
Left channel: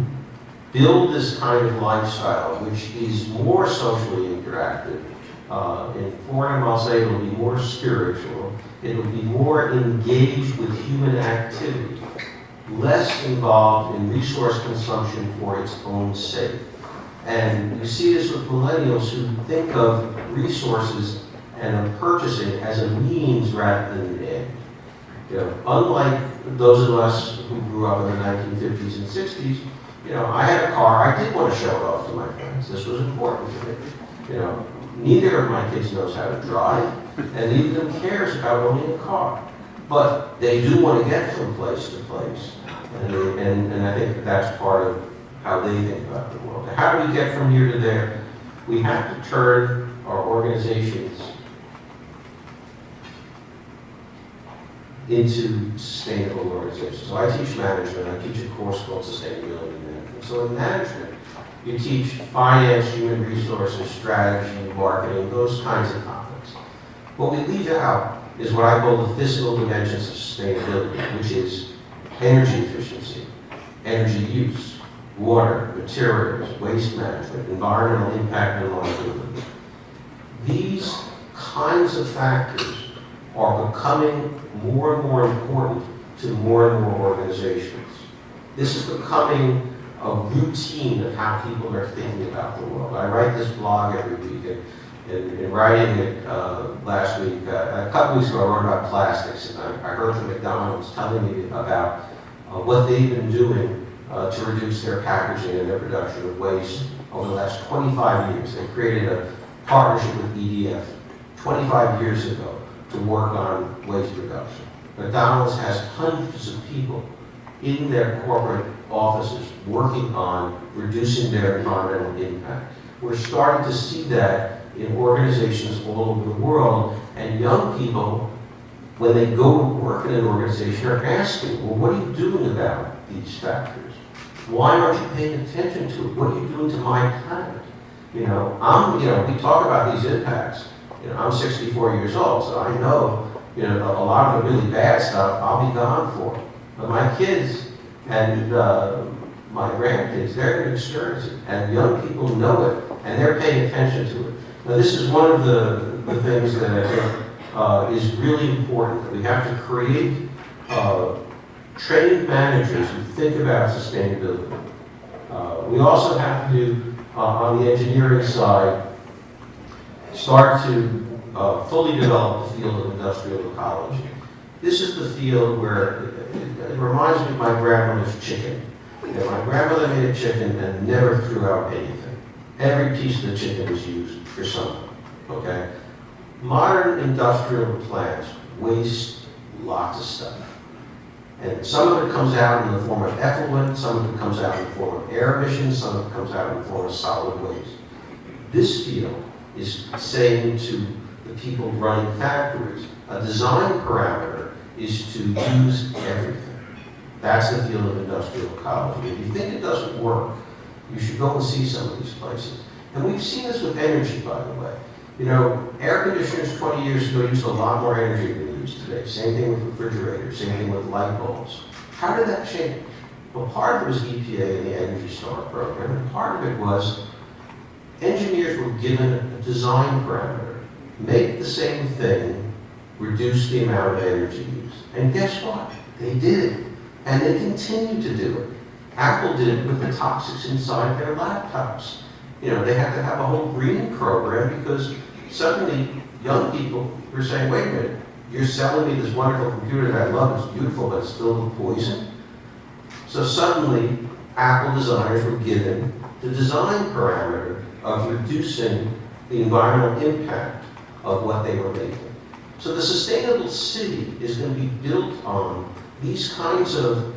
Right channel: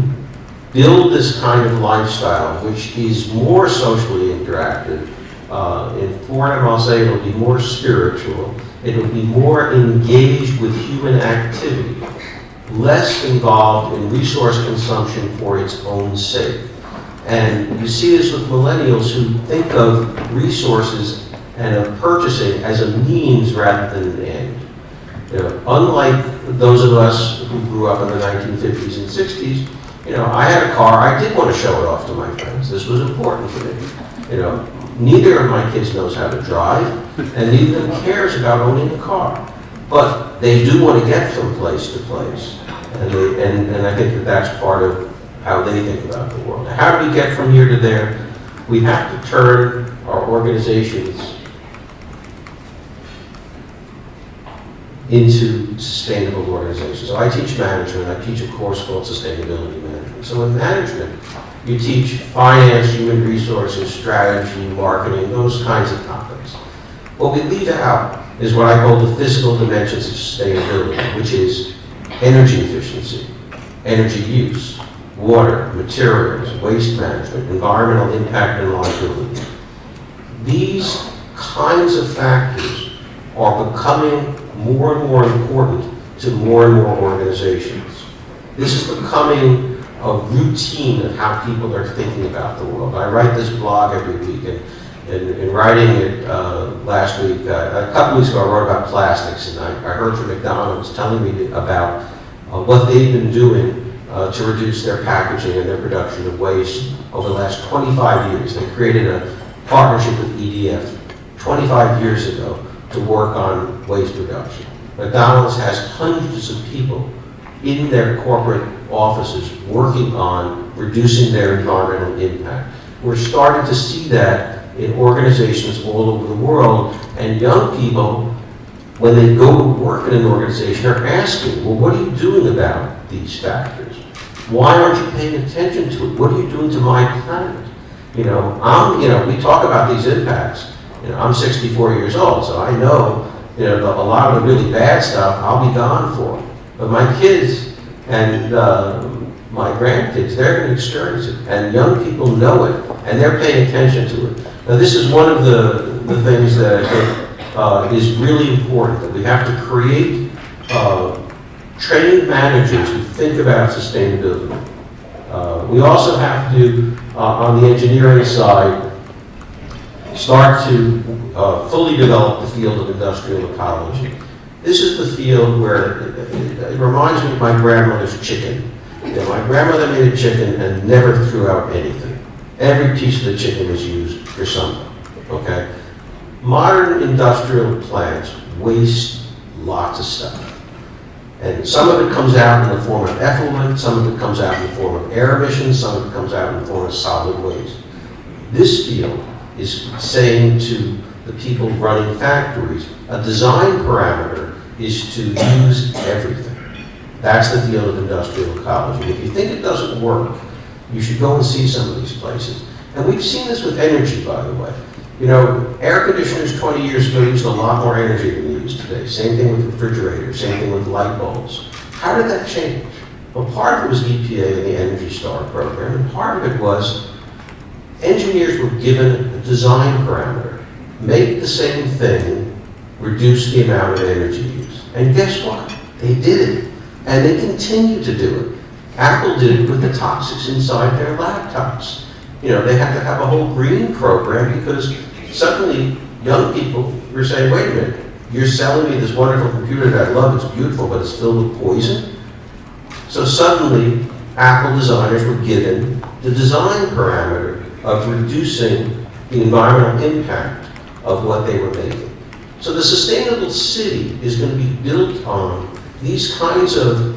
build this kind of lifestyle, which is more socially interactive. For him, I'll say it'll be more spiritual. It'll be more engaged with human activity, less involved in resource consumption for its own sake. And you see this with millennials who think of resources and of purchasing as a means rather than an end. Unlike those of us who grew up in the 1950s and 60s, I had a car. I did want to show it off to my friends. This was important to me. Neither of my kids knows how to drive, and neither of them cares about owning a car. But they do want to get from place to place. And I think that that's part of how they think about the world. Now, how do we get from here to there? We have to turn our organizations into sustainable organizations. So I teach management. I teach a course called Sustainability Management. So in management, you teach finance, human resources, strategy, marketing, those kinds of topics. What we leave out is what I call the physical dimensions of sustainability, which is energy efficiency, energy use, water, materials, waste management, environmental impact, and liability. These kinds of factors are becoming more and more important to more and more organizations. This is becoming a routine of how people are thinking about the world. I write this blog every week, and in writing it last week, a couple weeks ago I wrote about plastics, and I heard from McDonald's telling me about what they've been doing to reduce their packaging and their production of waste over the last 25 years. They created a partnership with EDF 25 years ago to work on waste reduction. McDonald's has hundreds of people in their corporate offices working on reducing their environmental impact. We're starting to see that in organizations all over the world, and young people, when they go to work in an organization, are asking, well, what are you doing about these factors? Why aren't you paying attention to it? What are you doing to my planet? We talk about these impacts. I'm 64 years old, so I know, a lot of the really bad stuff I'll be gone for. But my kids and my grandkids, they're going to experience it. And young people know it, and they're paying attention to it. Now, this is one of the things that I think is really important, that we have to create trained managers who think about sustainability. We also have to, on the engineering side, start to fully develop the field of industrial ecology. This is the field where it reminds me of my grandmother's chicken. My grandmother made a chicken and never threw out anything. Every piece of the chicken was used for something, okay? Modern industrial plants waste lots of stuff. And some of it comes out in the form of effluent, some of it comes out in the form of air emissions, some of it comes out in the form of solid waste. This field is saying to the people running factories, a design parameter is to use everything. That's the field of industrial ecology. If you think it doesn't work, you should go and see some of these places. And we've seen this with energy, by the way. You know, air conditioners 20 years ago used a lot more energy than they use today. Same thing with refrigerators, same thing with light bulbs. How did that change? Well, part of it was EPA and the Energy Star program, and part of it was engineers were given a design parameter. Make the same thing, reduce the amount of energy used. And guess what? They did it. And they continue to do it. Apple did it with the toxics inside their laptops. You know, they had to have a whole green program because suddenly young people were saying, wait a minute, you're selling me this wonderful computer that I love, it's beautiful, but it's filled with poison? So suddenly, Apple designers were given the design parameter of reducing the environmental impact of what they were making. So the sustainable city is going to be built on these kinds of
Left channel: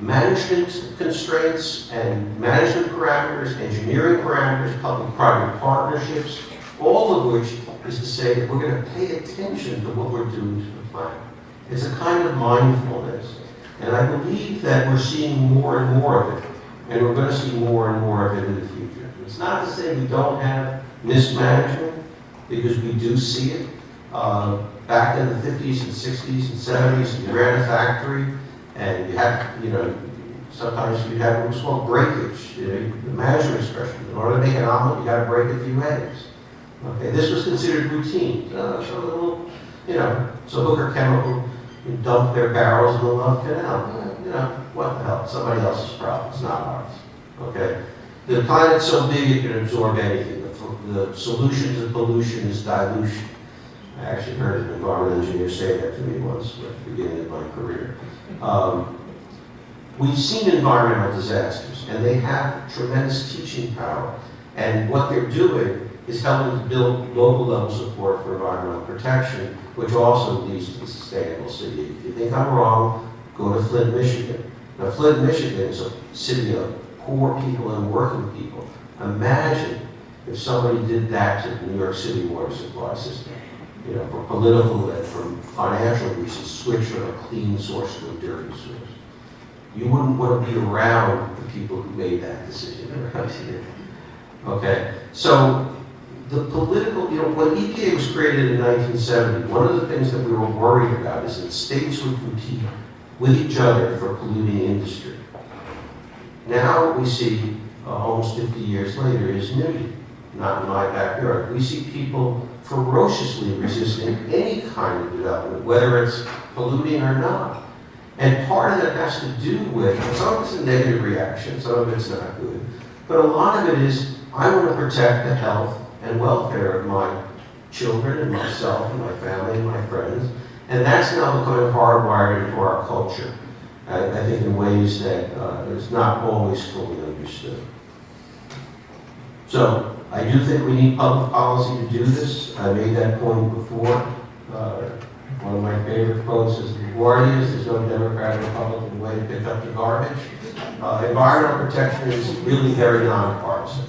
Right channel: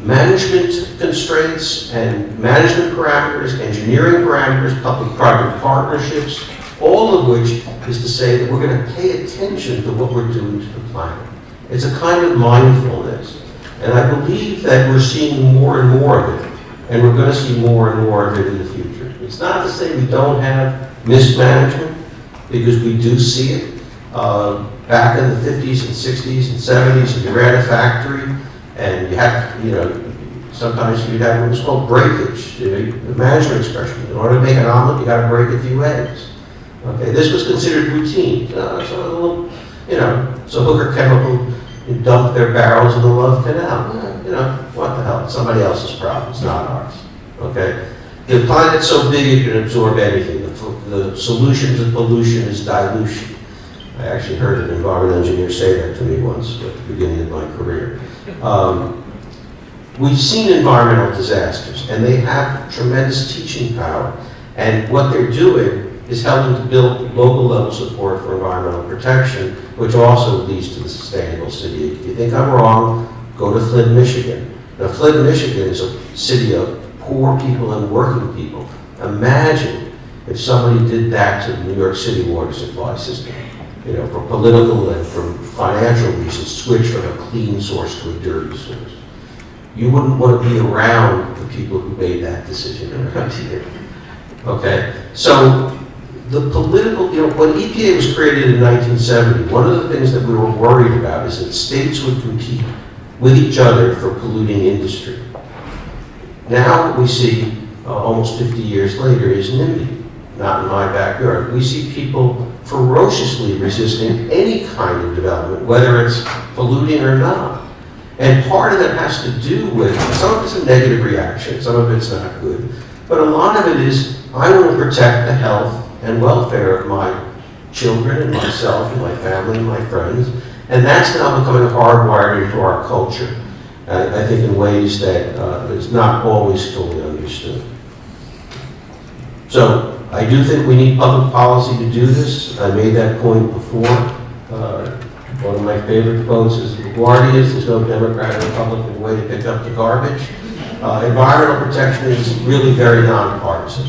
management constraints and management parameters, engineering parameters, public-private partnerships, all of which is to say that we're going to pay attention to what we're doing to the planet. It's a kind of mindfulness. And I believe that we're seeing more and more of it, and we're going to see more and more of it in the future. It's not to say we don't have mismanagement, because we do see it. Back in the 50s and 60s and 70s, you ran a factory, and you had, you know, sometimes you'd have what was called breakage, the management expression. In order to make an omelet, you got to break a few eggs. Okay, this was considered routine. So a little, you know, so Hooker Chemical dumped their barrels in the Love Canal. You know, what the hell? It's somebody else's problem. It's not ours. Okay, the planet's so big it can absorb anything. The solution to pollution is dilution. I actually heard an environmental engineer say that to me once at the beginning of my career. We've seen environmental disasters, and they have tremendous teaching power. And what they're doing is helping to build local level support for environmental protection, which also leads to the sustainable city. If you think I'm wrong, go to Flint, Michigan. Now, Flint, Michigan is a city of poor people and working people. Imagine if somebody did that to the New York City water supply system. You know, for political and for financial reasons, switch from a clean source to a dirty source. You wouldn't want to be around the people who made that decision around here. Okay, so the political, you know, when EPA was created in 1970, one of the things that we were worried about is that states would compete with each other for polluting industry. Now what we see almost 50 years later is NIMBY, not in my backyard. We see people ferociously resisting any kind of development, whether it's polluting or not. And part of that has to do with, some of it's a negative reaction, some of it's not good, but a lot of it is, I want to protect the health and welfare of my children and myself and my family and my friends, and that's now becoming hardwired into our culture, I think in ways that is not always fully understood. So, I do think we need public policy to do this. I made that point before. One of my favorite quotes is, LaGuardia's, there's no Democrat or Republican way to pick up the garbage. Environmental protection is really very nonpartisan.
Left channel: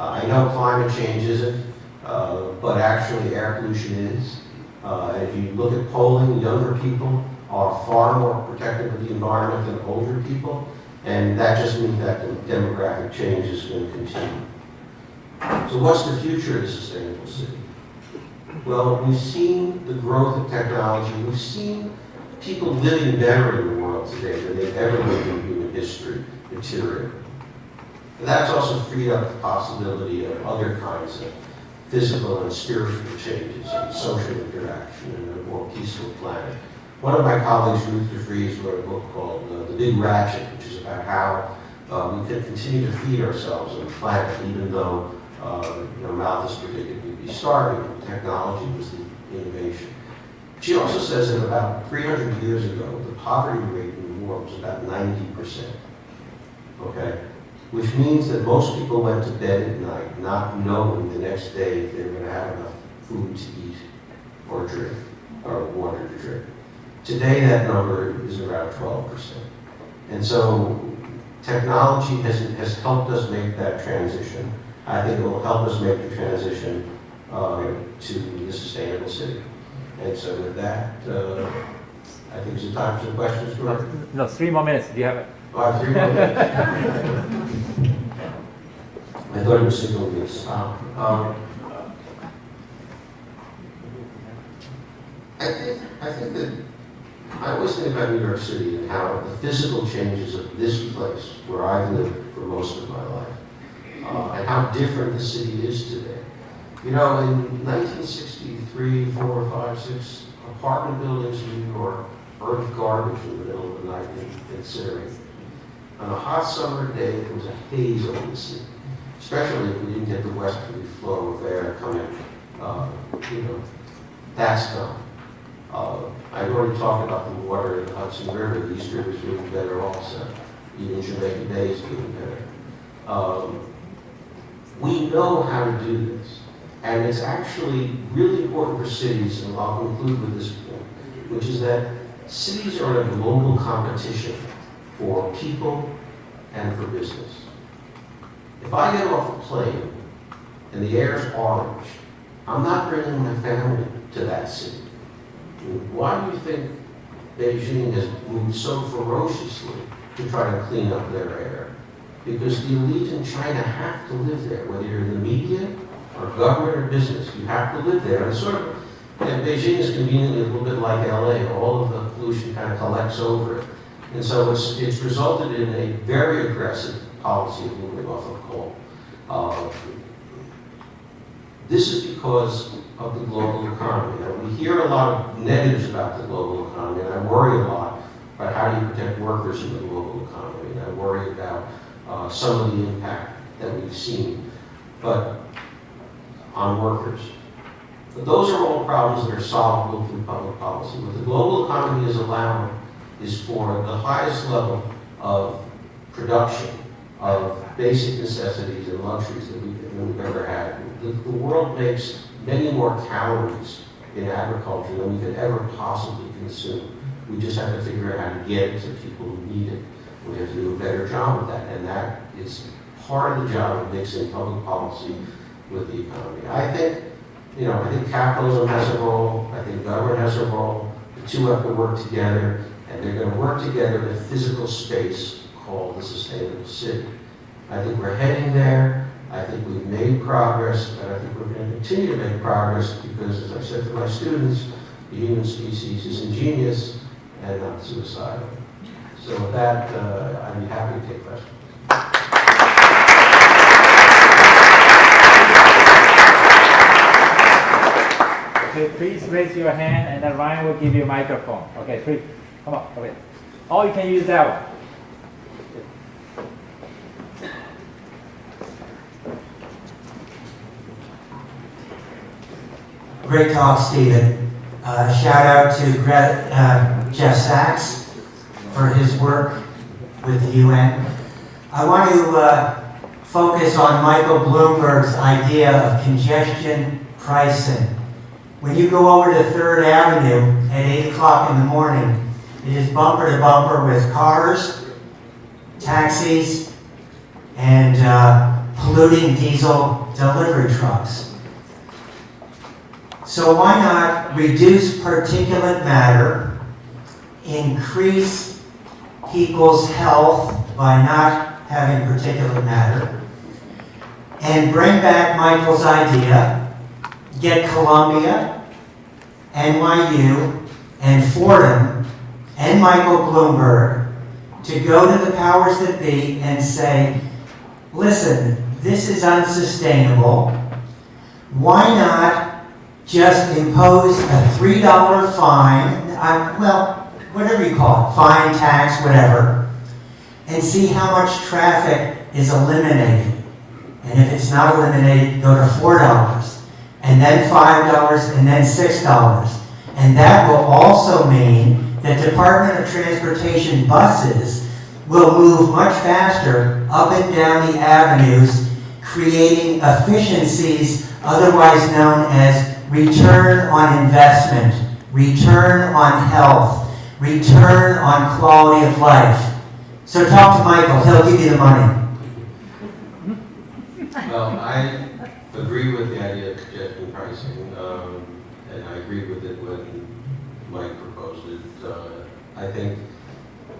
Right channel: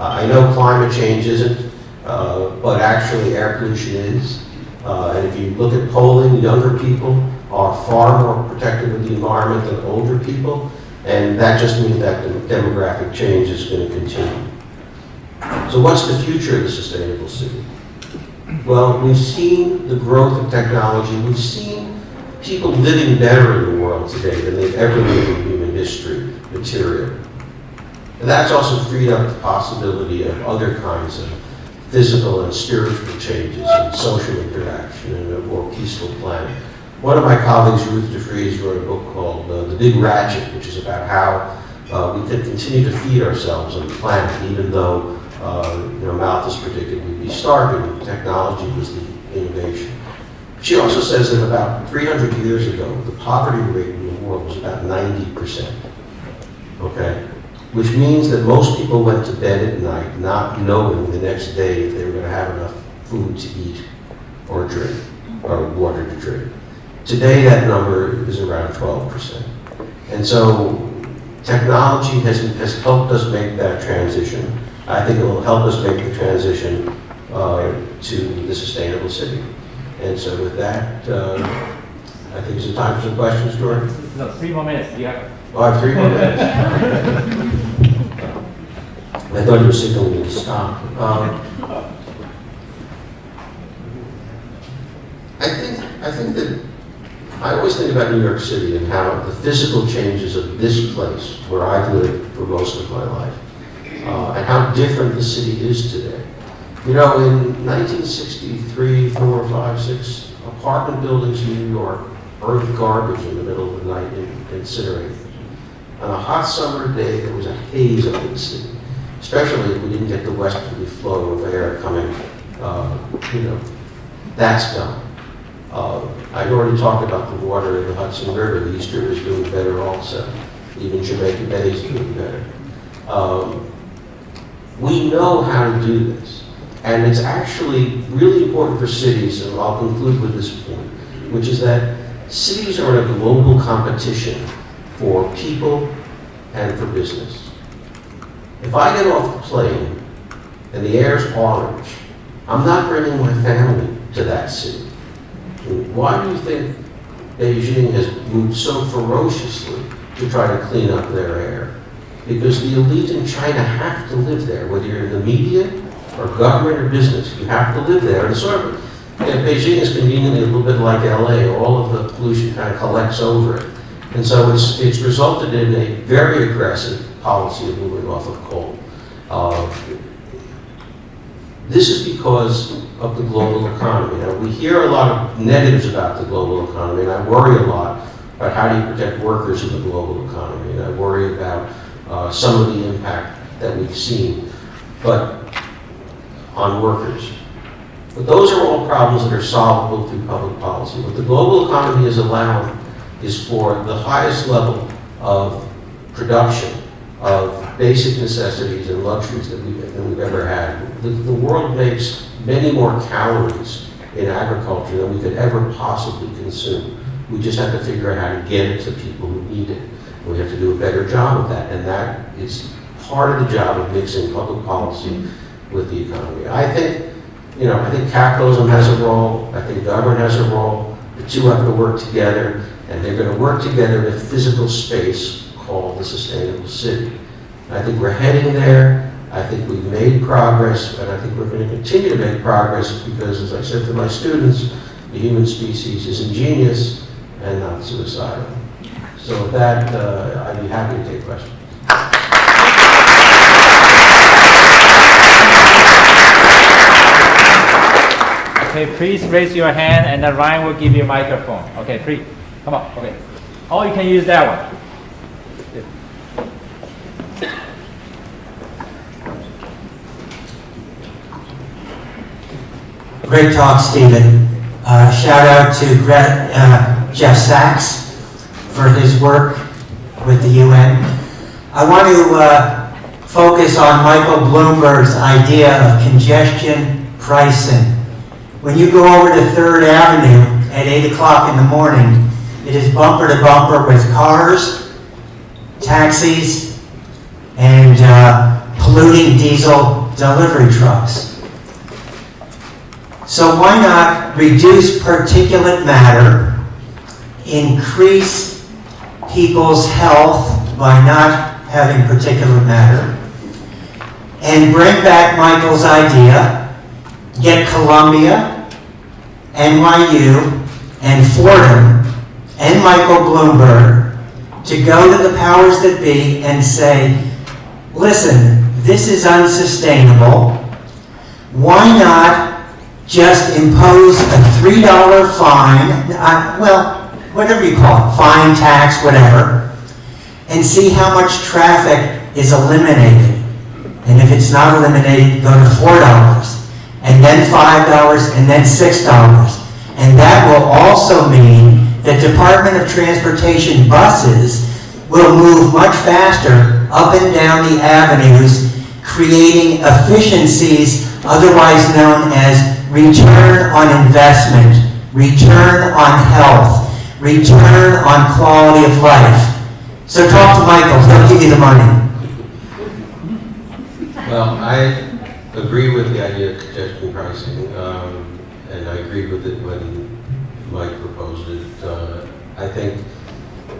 I know climate change isn't, but actually air pollution is. And if you look at polling, younger people are far more protective of the environment than older people. And that just means that the demographic change is going to continue. So what's the future of the sustainable city? Well, we've seen the growth of technology. We've seen people living better in the world today than they've ever lived in human history, material. And that's also freed up the possibility of other kinds of physical and spiritual changes and social interaction and a more peaceful planet. One of my colleagues, Ruth DeFries, wrote a book called The Big Ratchet, which is about how we can continue to feed ourselves on the planet, even though Malthus predicted we'd be starving. Technology was the innovation. She also says that about 300 years ago, the poverty rate in the world was about 90%. Okay? Which means that most people went to bed at night not knowing the next day if they were going to have enough food to eat or drink, or water to drink. Today, that number is around 12%. And so technology has helped us make that transition. I think it will help us make the transition to the sustainable city. And so with that, I think it's time for some questions, George. No, 3 more minutes. Do you have? Oh, I have 3 more minutes. I thought you were signaling me to stop. I think that I always think about New York City and how the physical changes of this place, where I've lived for most of my life, and how different the city is today. You know, in 1963, 4, 5, 6, apartment buildings in New York earned garbage in the middle of the night and incinerated. On a hot summer day, there was a haze over the city, especially if we didn't get the westerly flow of air coming, that's gone. I've already talked about the water in the Hudson River. The East River is doing better also. Even Jamaica Bay is doing better. We know how to do this. And it's actually really important for cities, and I'll conclude with this point, which is that cities are in a global competition for people and for business. If I get off the plane and the air's orange, I'm not bringing my family to that city. And why do you think Beijing has moved so ferociously to try to clean up their air? Because the elite in China have to live there, whether you're in the media or government or business, you have to live there. And sort of, Beijing is conveniently a little bit like LA, all of the pollution kind of collects over it. And so it's resulted in a very aggressive policy of moving off of coal. This is because of the global economy. Now, we hear a lot of negatives about the global economy, and I worry a lot about how do you protect workers in the global economy, and I worry about some of the impact that we've seen on workers. But those are all problems that are solvable through public policy. What the global economy has allowed is for the highest level of production of basic necessities and luxuries that we've ever had. The world makes many more calories in agriculture than we could ever possibly consume. We just have to figure out how to get it to people who need it. We have to do a better job of that, and that is part of the job of mixing public policy with the economy. I think capitalism has a role. I think government has a role. The two have to work together, and they're going to work together in a physical space called the sustainable city. I think we're heading there. I think we've made progress, and I think we're going to continue to make progress because, as I said to my students, the human species is ingenious and not suicidal. So with that, I'd be happy to take questions. Okay, please raise your hand, and then Ryan will give you a microphone. Okay, please, come on. Okay, or you can use that one. Great talk, Stephen. Shout out to Jeff Sachs for his work with the UN. I want to focus on Michael Bloomberg's idea of congestion pricing. When you go over to 3rd Avenue at 8 o'clock in the morning, it is bumper to bumper with cars, taxis, and polluting diesel delivery trucks. So why not reduce particulate matter, increase people's health by not having particulate matter, and bring back Michael's idea, get Columbia, NYU, and Fordham, and Michael Bloomberg to go to the powers that be and say, listen, this is unsustainable. Why not just impose a $3 fine, whatever you call it, fine, tax, whatever, and see how much traffic is eliminated. And if it's not eliminated, go to $4, and then $5, and then $6. And that will also mean that Department of Transportation buses will move much faster up and down the avenues, creating efficiencies otherwise known as return on investment, return on health, return on quality of life. So talk to Michael, he'll give you the money. Well, I agree with the idea of congestion pricing, and I agreed with it when Mike proposed it. I think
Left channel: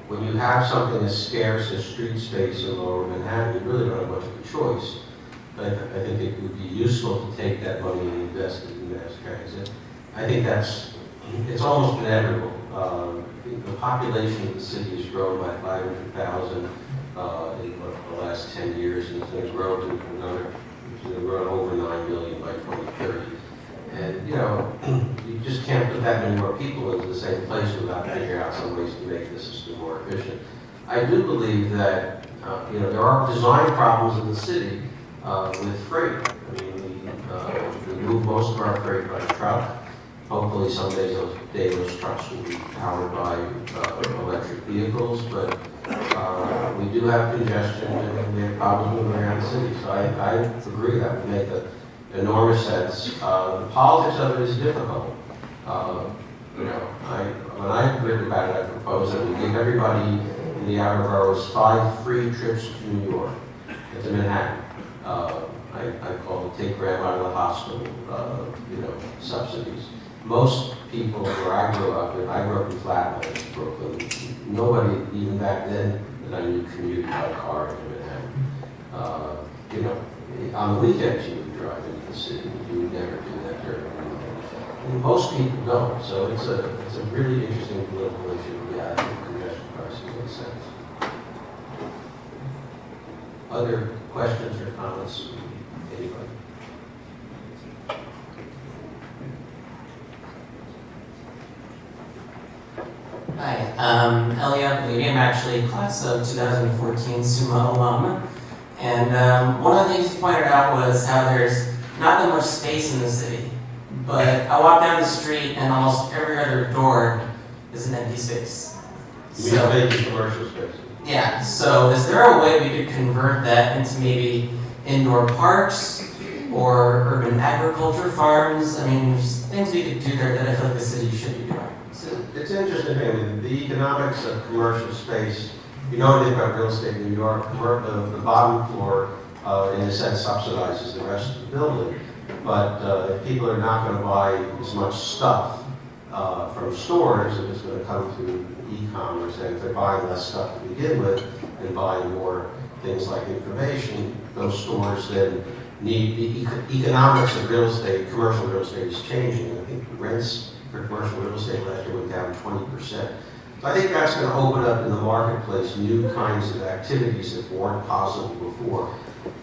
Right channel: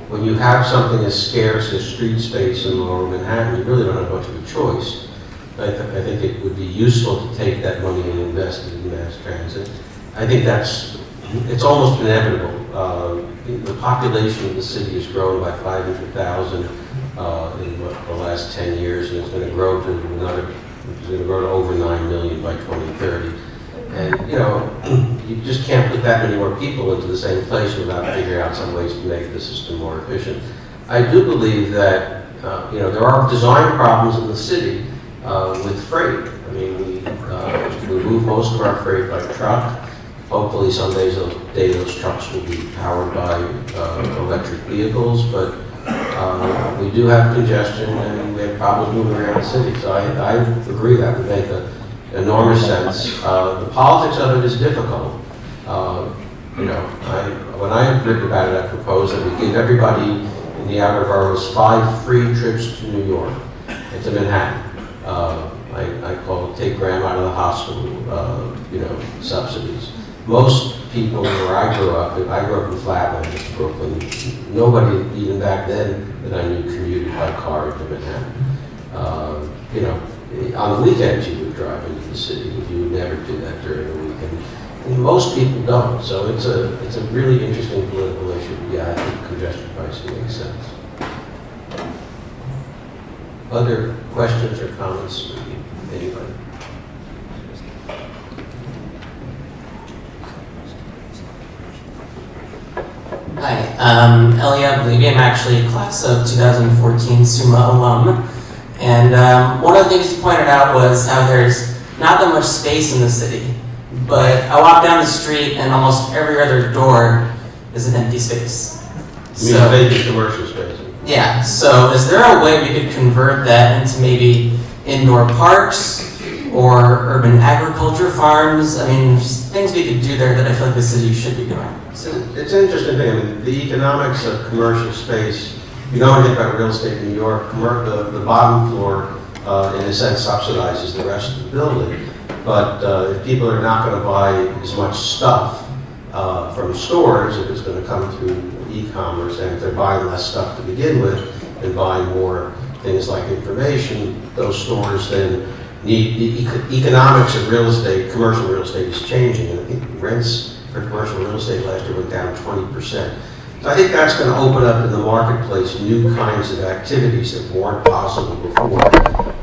when you have something as scarce as street space in Lower Manhattan, you really don't have much of a choice. I think it would be useful to take that money and invest it in mass transit. I think it's almost inevitable. The population of the city has grown by 500,000 in the last 10 years, and it's going to grow to over 9 million by 2030. And, you just can't put that many more people into the same place without figuring out some ways to make the system more efficient. I do believe that, there are design problems in the city with freight. I mean, we move most of our freight by truck. Hopefully someday those trucks will be powered by electric vehicles, but we do have congestion and we have problems moving around the city. So I agree that would make enormous sense. The politics of it is difficult. When I heard about it, I proposed that we give everybody in the outer boroughs 5 free trips to New York and to Manhattan. I call it take Graham out of the hospital, subsidies. Most people where I grew up in Flatlands, Brooklyn, nobody even back then that I knew commuted by car into Manhattan. On weekends you would drive into the city. You would never do that during the weekend. And most people don't. So it's a really interesting political issue. Yeah, I think congestion pricing makes sense. Other questions or comments? Anybody? Hi, Elia Believe. I'm actually class of 2014 SUMA alum. And one of the things you pointed out was how there's not that much space in the city. But I walk down the street and almost every other door is an empty space. You mean vacant commercial space? Yeah, so is there a way we could convert that into maybe indoor parks or urban agriculture farms? I mean, there's things we could do there that I feel like the city should be doing. It's an interesting thing. I mean, the economics of commercial space, you know anything about real estate in New York, the bottom floor, in a sense, subsidizes the rest of the building. But if people are not going to buy as much stuff from stores, if it's going to come through e-commerce, and if they're buying less stuff to begin with and buying more things like information, those stores then need the economics of real estate, commercial real estate is changing. And I think rents for commercial real estate last year went down 20%. So I think that's going to open up in the marketplace new kinds of activities that weren't possible before.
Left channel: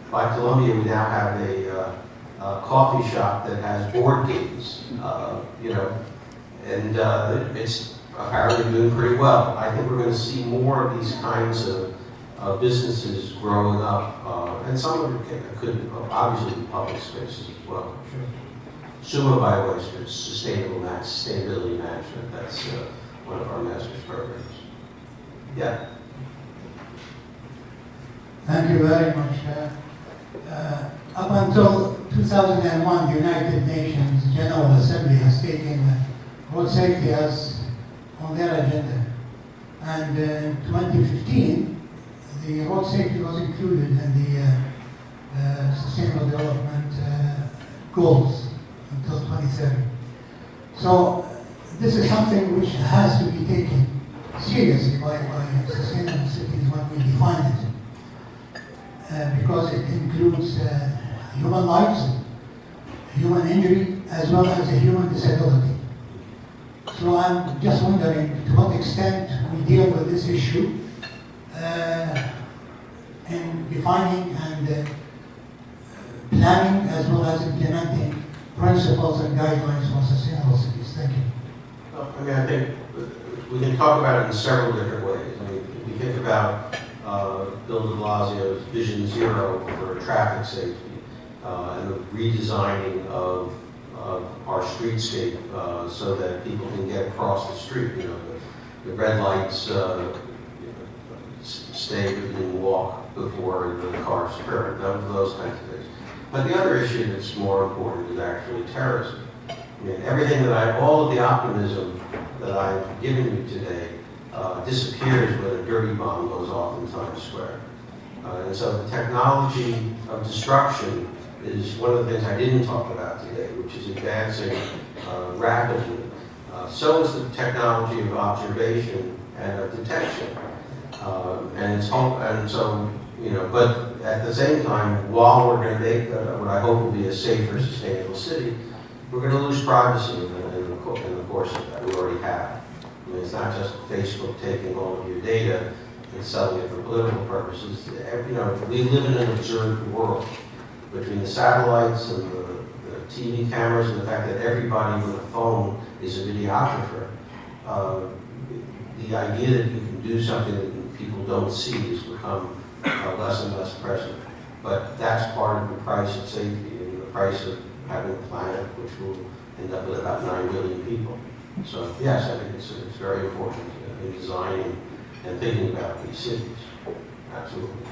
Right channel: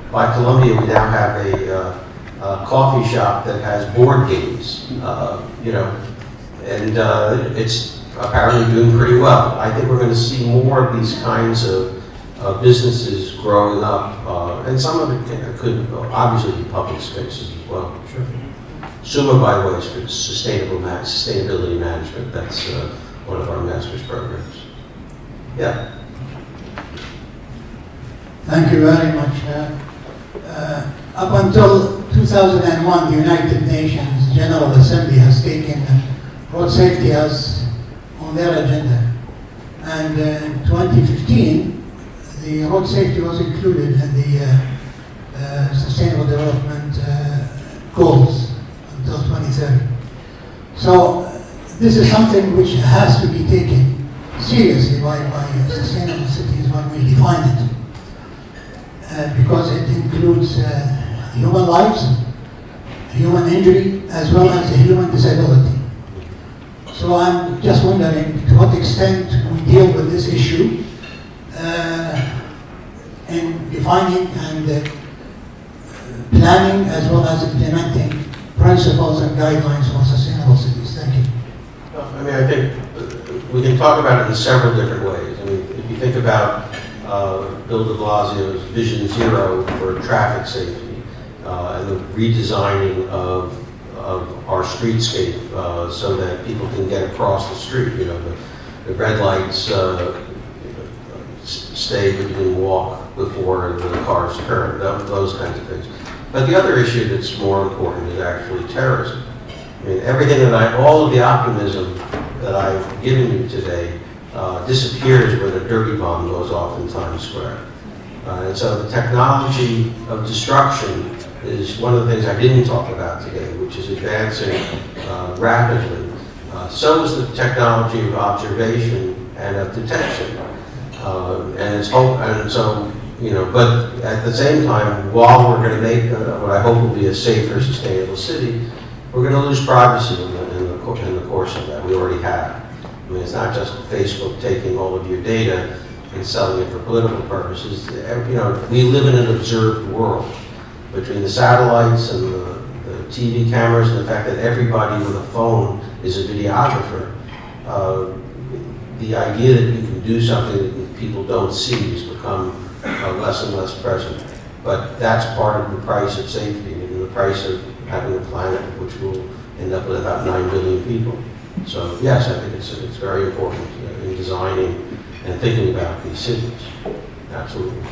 By Columbia, we now have a coffee shop that has board games, and it's apparently doing pretty well. I think we're going to see more of these kinds of businesses growing up, and some of it could obviously be public spaces as well. Sure. SUMA, by the way, is for sustainability management. That's one of our master's programs. Yeah. Thank you very much. Up until 2001, the United Nations General Assembly has taken road safety as on their agenda. And in 2015, the road safety was included in the Sustainable Development Goals until 2030. So this is something which has to be taken seriously by sustainable cities when we define it. Because it includes human lives, human injury, as well as a human disability. So I'm just wondering to what extent we deal with this issue in defining and planning as well as implementing principles and guidelines for sustainable cities. Thank you. I mean, I think we can talk about it in several different ways. I mean, if you think about Bill de Blasio's Vision Zero for traffic safety and the redesigning of our streetscape so that people can get across the street. The red lights stay, but you can walk before the cars turn, those kinds of things. But the other issue that's more important is actually terrorism. I mean, all of the optimism that I've given you today disappears when a dirty bomb goes off in Times Square. And so the technology of destruction is one of the things I didn't talk about today, which is advancing rapidly. So is the technology of observation and of detection. And so but at the same time, while we're going to make what I hope will be a safer, sustainable city, we're going to lose privacy in the course of that. We already have. I mean, it's not just Facebook taking all of your data and selling it for political purposes. We live in an observed world between the satellites and the TV cameras and the fact that everybody with a phone is a videographer. The idea that you can do something that people don't see has become less and less present. But that's part of the price of safety and the price of having a planet which will end up with about 9 billion people. So yes, I think it's very important in designing and thinking about these cities. Absolutely.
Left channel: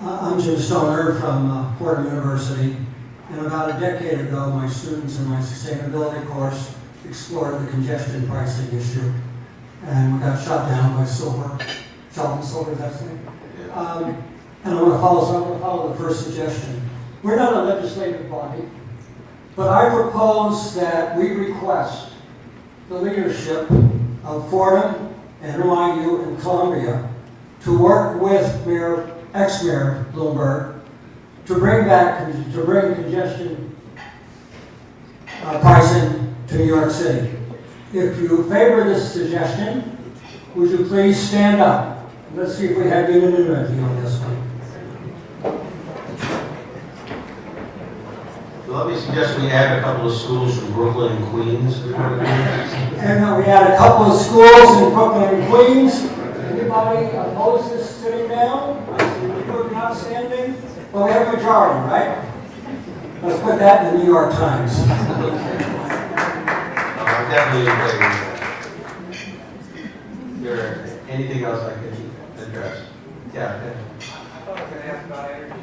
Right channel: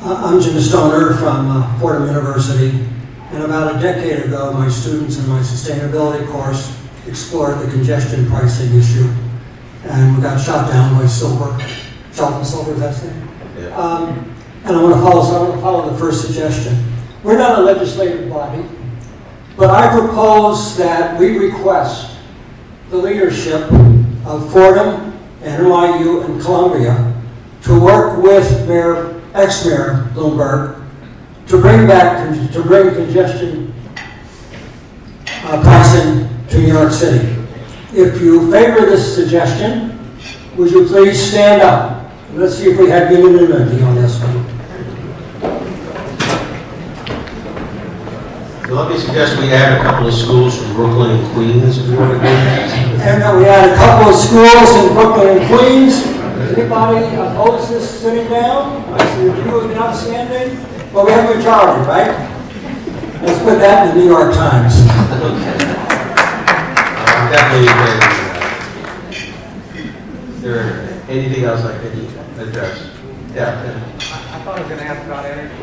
I'm Jim Stoner from Fordham University, and about a decade ago, my students in my sustainability course explored the congestion pricing issue, and we got shot down by Silver. Sheldon Silver, that's his name. Yeah. And I want to follow the first suggestion. We're not a legislative body, but I propose that we request the leadership of Fordham, and NYU, and Columbia to work with ex-Mayor Bloomberg to bring congestion pricing to New York City. If you favor this suggestion, would you please stand up? Let's see if we have unanimity on this one. So let me suggest we add a couple of schools from Brooklyn and Queens if you want to do that. And we had a couple of schools in Brooklyn and Queens. Anybody oppose this sitting down? I see a few not standing. But we have a majority, right? Let's put that in the New York Times. I'm definitely agree with that. Is there anything else I can address? Yeah. I thought I was going to ask about energy,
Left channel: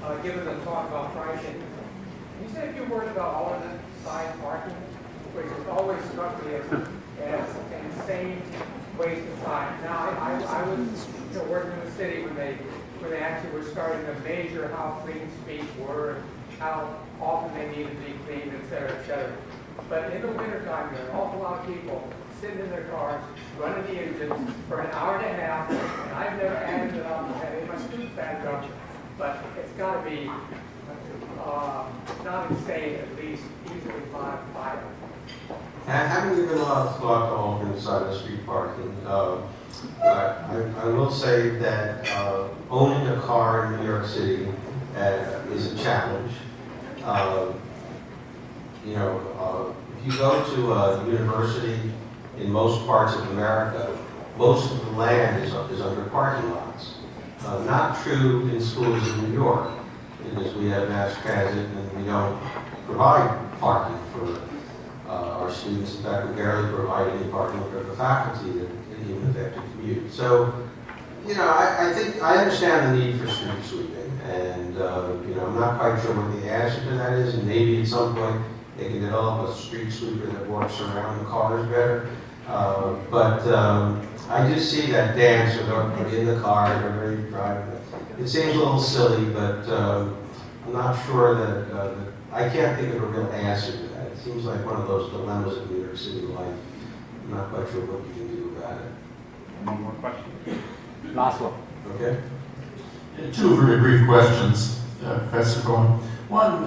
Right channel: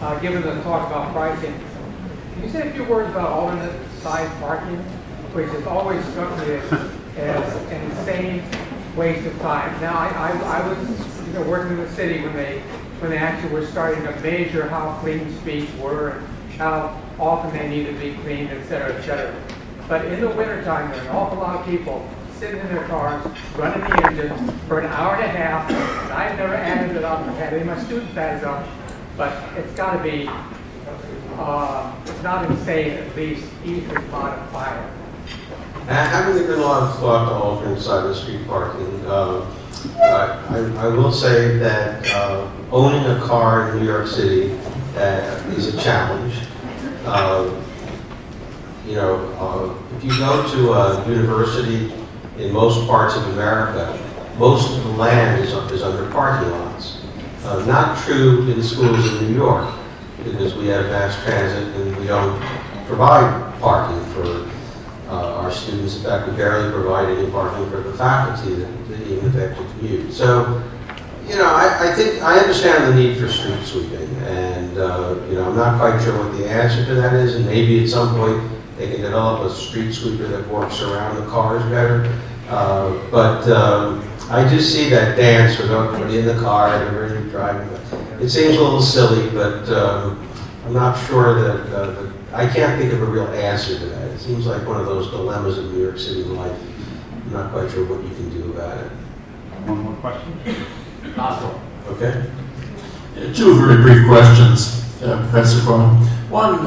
but given the talk about pricing, can you say a few words about alternate side parking, which has always struck me as an insane waste of time. Now, I was working in the city when they actually were starting to measure how clean streets were and how often they needed to be cleaned, et cetera, et cetera. But in the wintertime, there are an awful lot of people sitting in their cars, running the engines for an hour and a half. And I've never added it up, had any of my students add it up, but it's got to be not insane, at least easily modified. Having given a lot of thought to alternate side of the street parking, I will say that owning a car in New York City is a challenge. If you go to a university in most parts of America, most of the land is under parking lots. Not true in schools in New York, because we have mass transit and we don't provide parking for our students. In fact, we barely provide any parking for the faculty that even if they have to commute. So, I think I understand the need for street sweeping, and I'm not quite sure what the answer to that is, and maybe at some point they can develop a street sweeper that works around the cars better. But I do see that dance with everybody in the car and everybody driving. It seems a little silly, but I'm not sure that I can't think of a real answer to that. It seems like one of those dilemmas of New York City life. I'm not quite sure what you can do about it. One more question? Last one. Okay? Two very brief questions, Professor Cohen. One,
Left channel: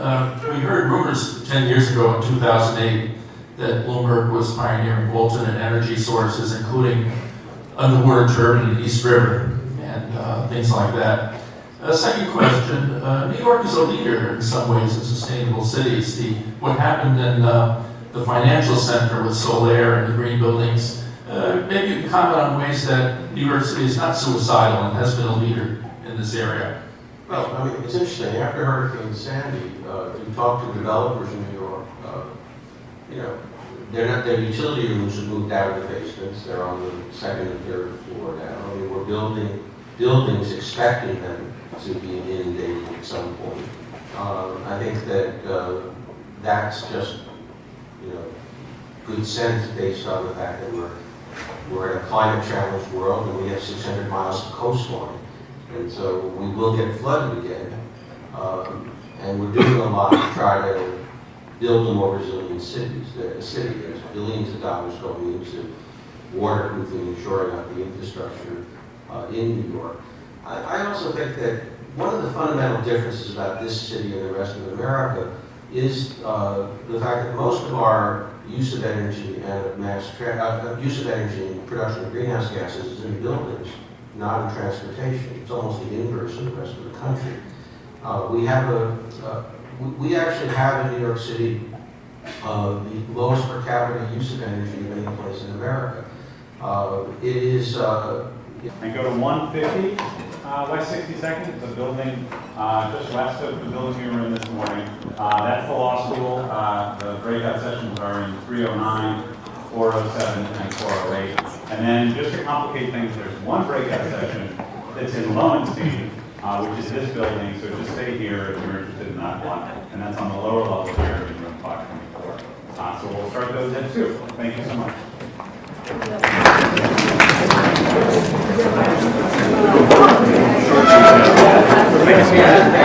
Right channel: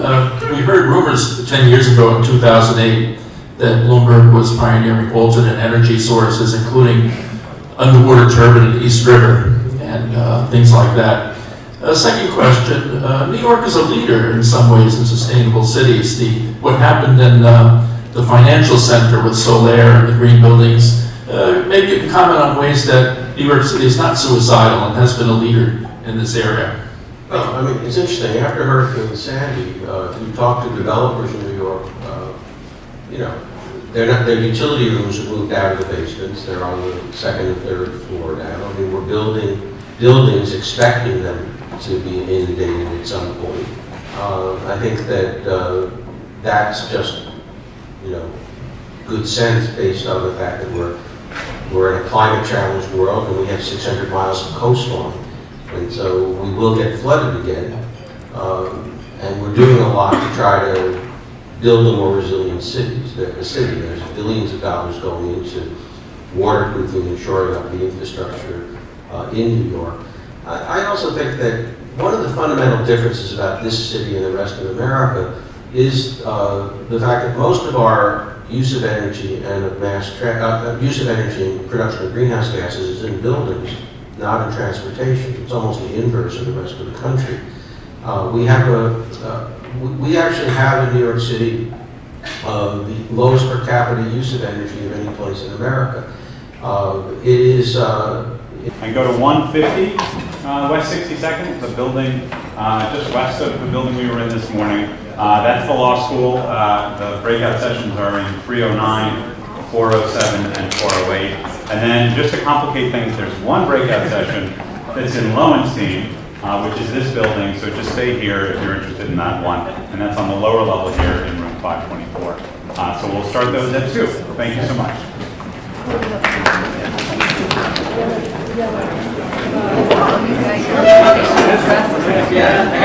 we heard rumors 10 years ago in 2008 that Bloomberg was pioneering alternate energy sources, including underwater turbine in East River and things like that. Second question, New York is a leader in some ways in sustainable cities. What happened in the financial center with Solaire and the green buildings, maybe you can comment on ways that New York City is not suicidal and has been a leader in this area. Well, I mean, it's interesting. After Hurricane Sandy, we talked to developers in New York. Their utility rooms have moved out of the basements. They're on the second and third floor now. I mean, we're building buildings expecting them to be inundated at some point. I think that that's just, good sense based on the fact that we're in a climate challenged world and we have 600 miles of coastline. And so we will get flooded again. And we're doing a lot to try to build a more resilient city. There's billions of dollars going into waterproofing and shoring up the infrastructure in New York. I also think that one of the fundamental differences about this city and the rest of America is the fact that most of our use of energy and of use of energy and production of greenhouse gases is in buildings, not in transportation. It's almost the inverse of the rest of the country. We actually have in New York City the lowest per capita use of energy of any place in America. It is. And go to 150 West 62nd, the building just west of the building we were in this morning. That's the law school. The breakout sessions are in 309, 407, and 408. And then just to complicate things, there's one breakout session that's in Lowenstein, which is this building. So just stay here if you're interested in that one. And that's on the lower level here in room 524. So we'll start those at 2. Thank you so much. Yeah.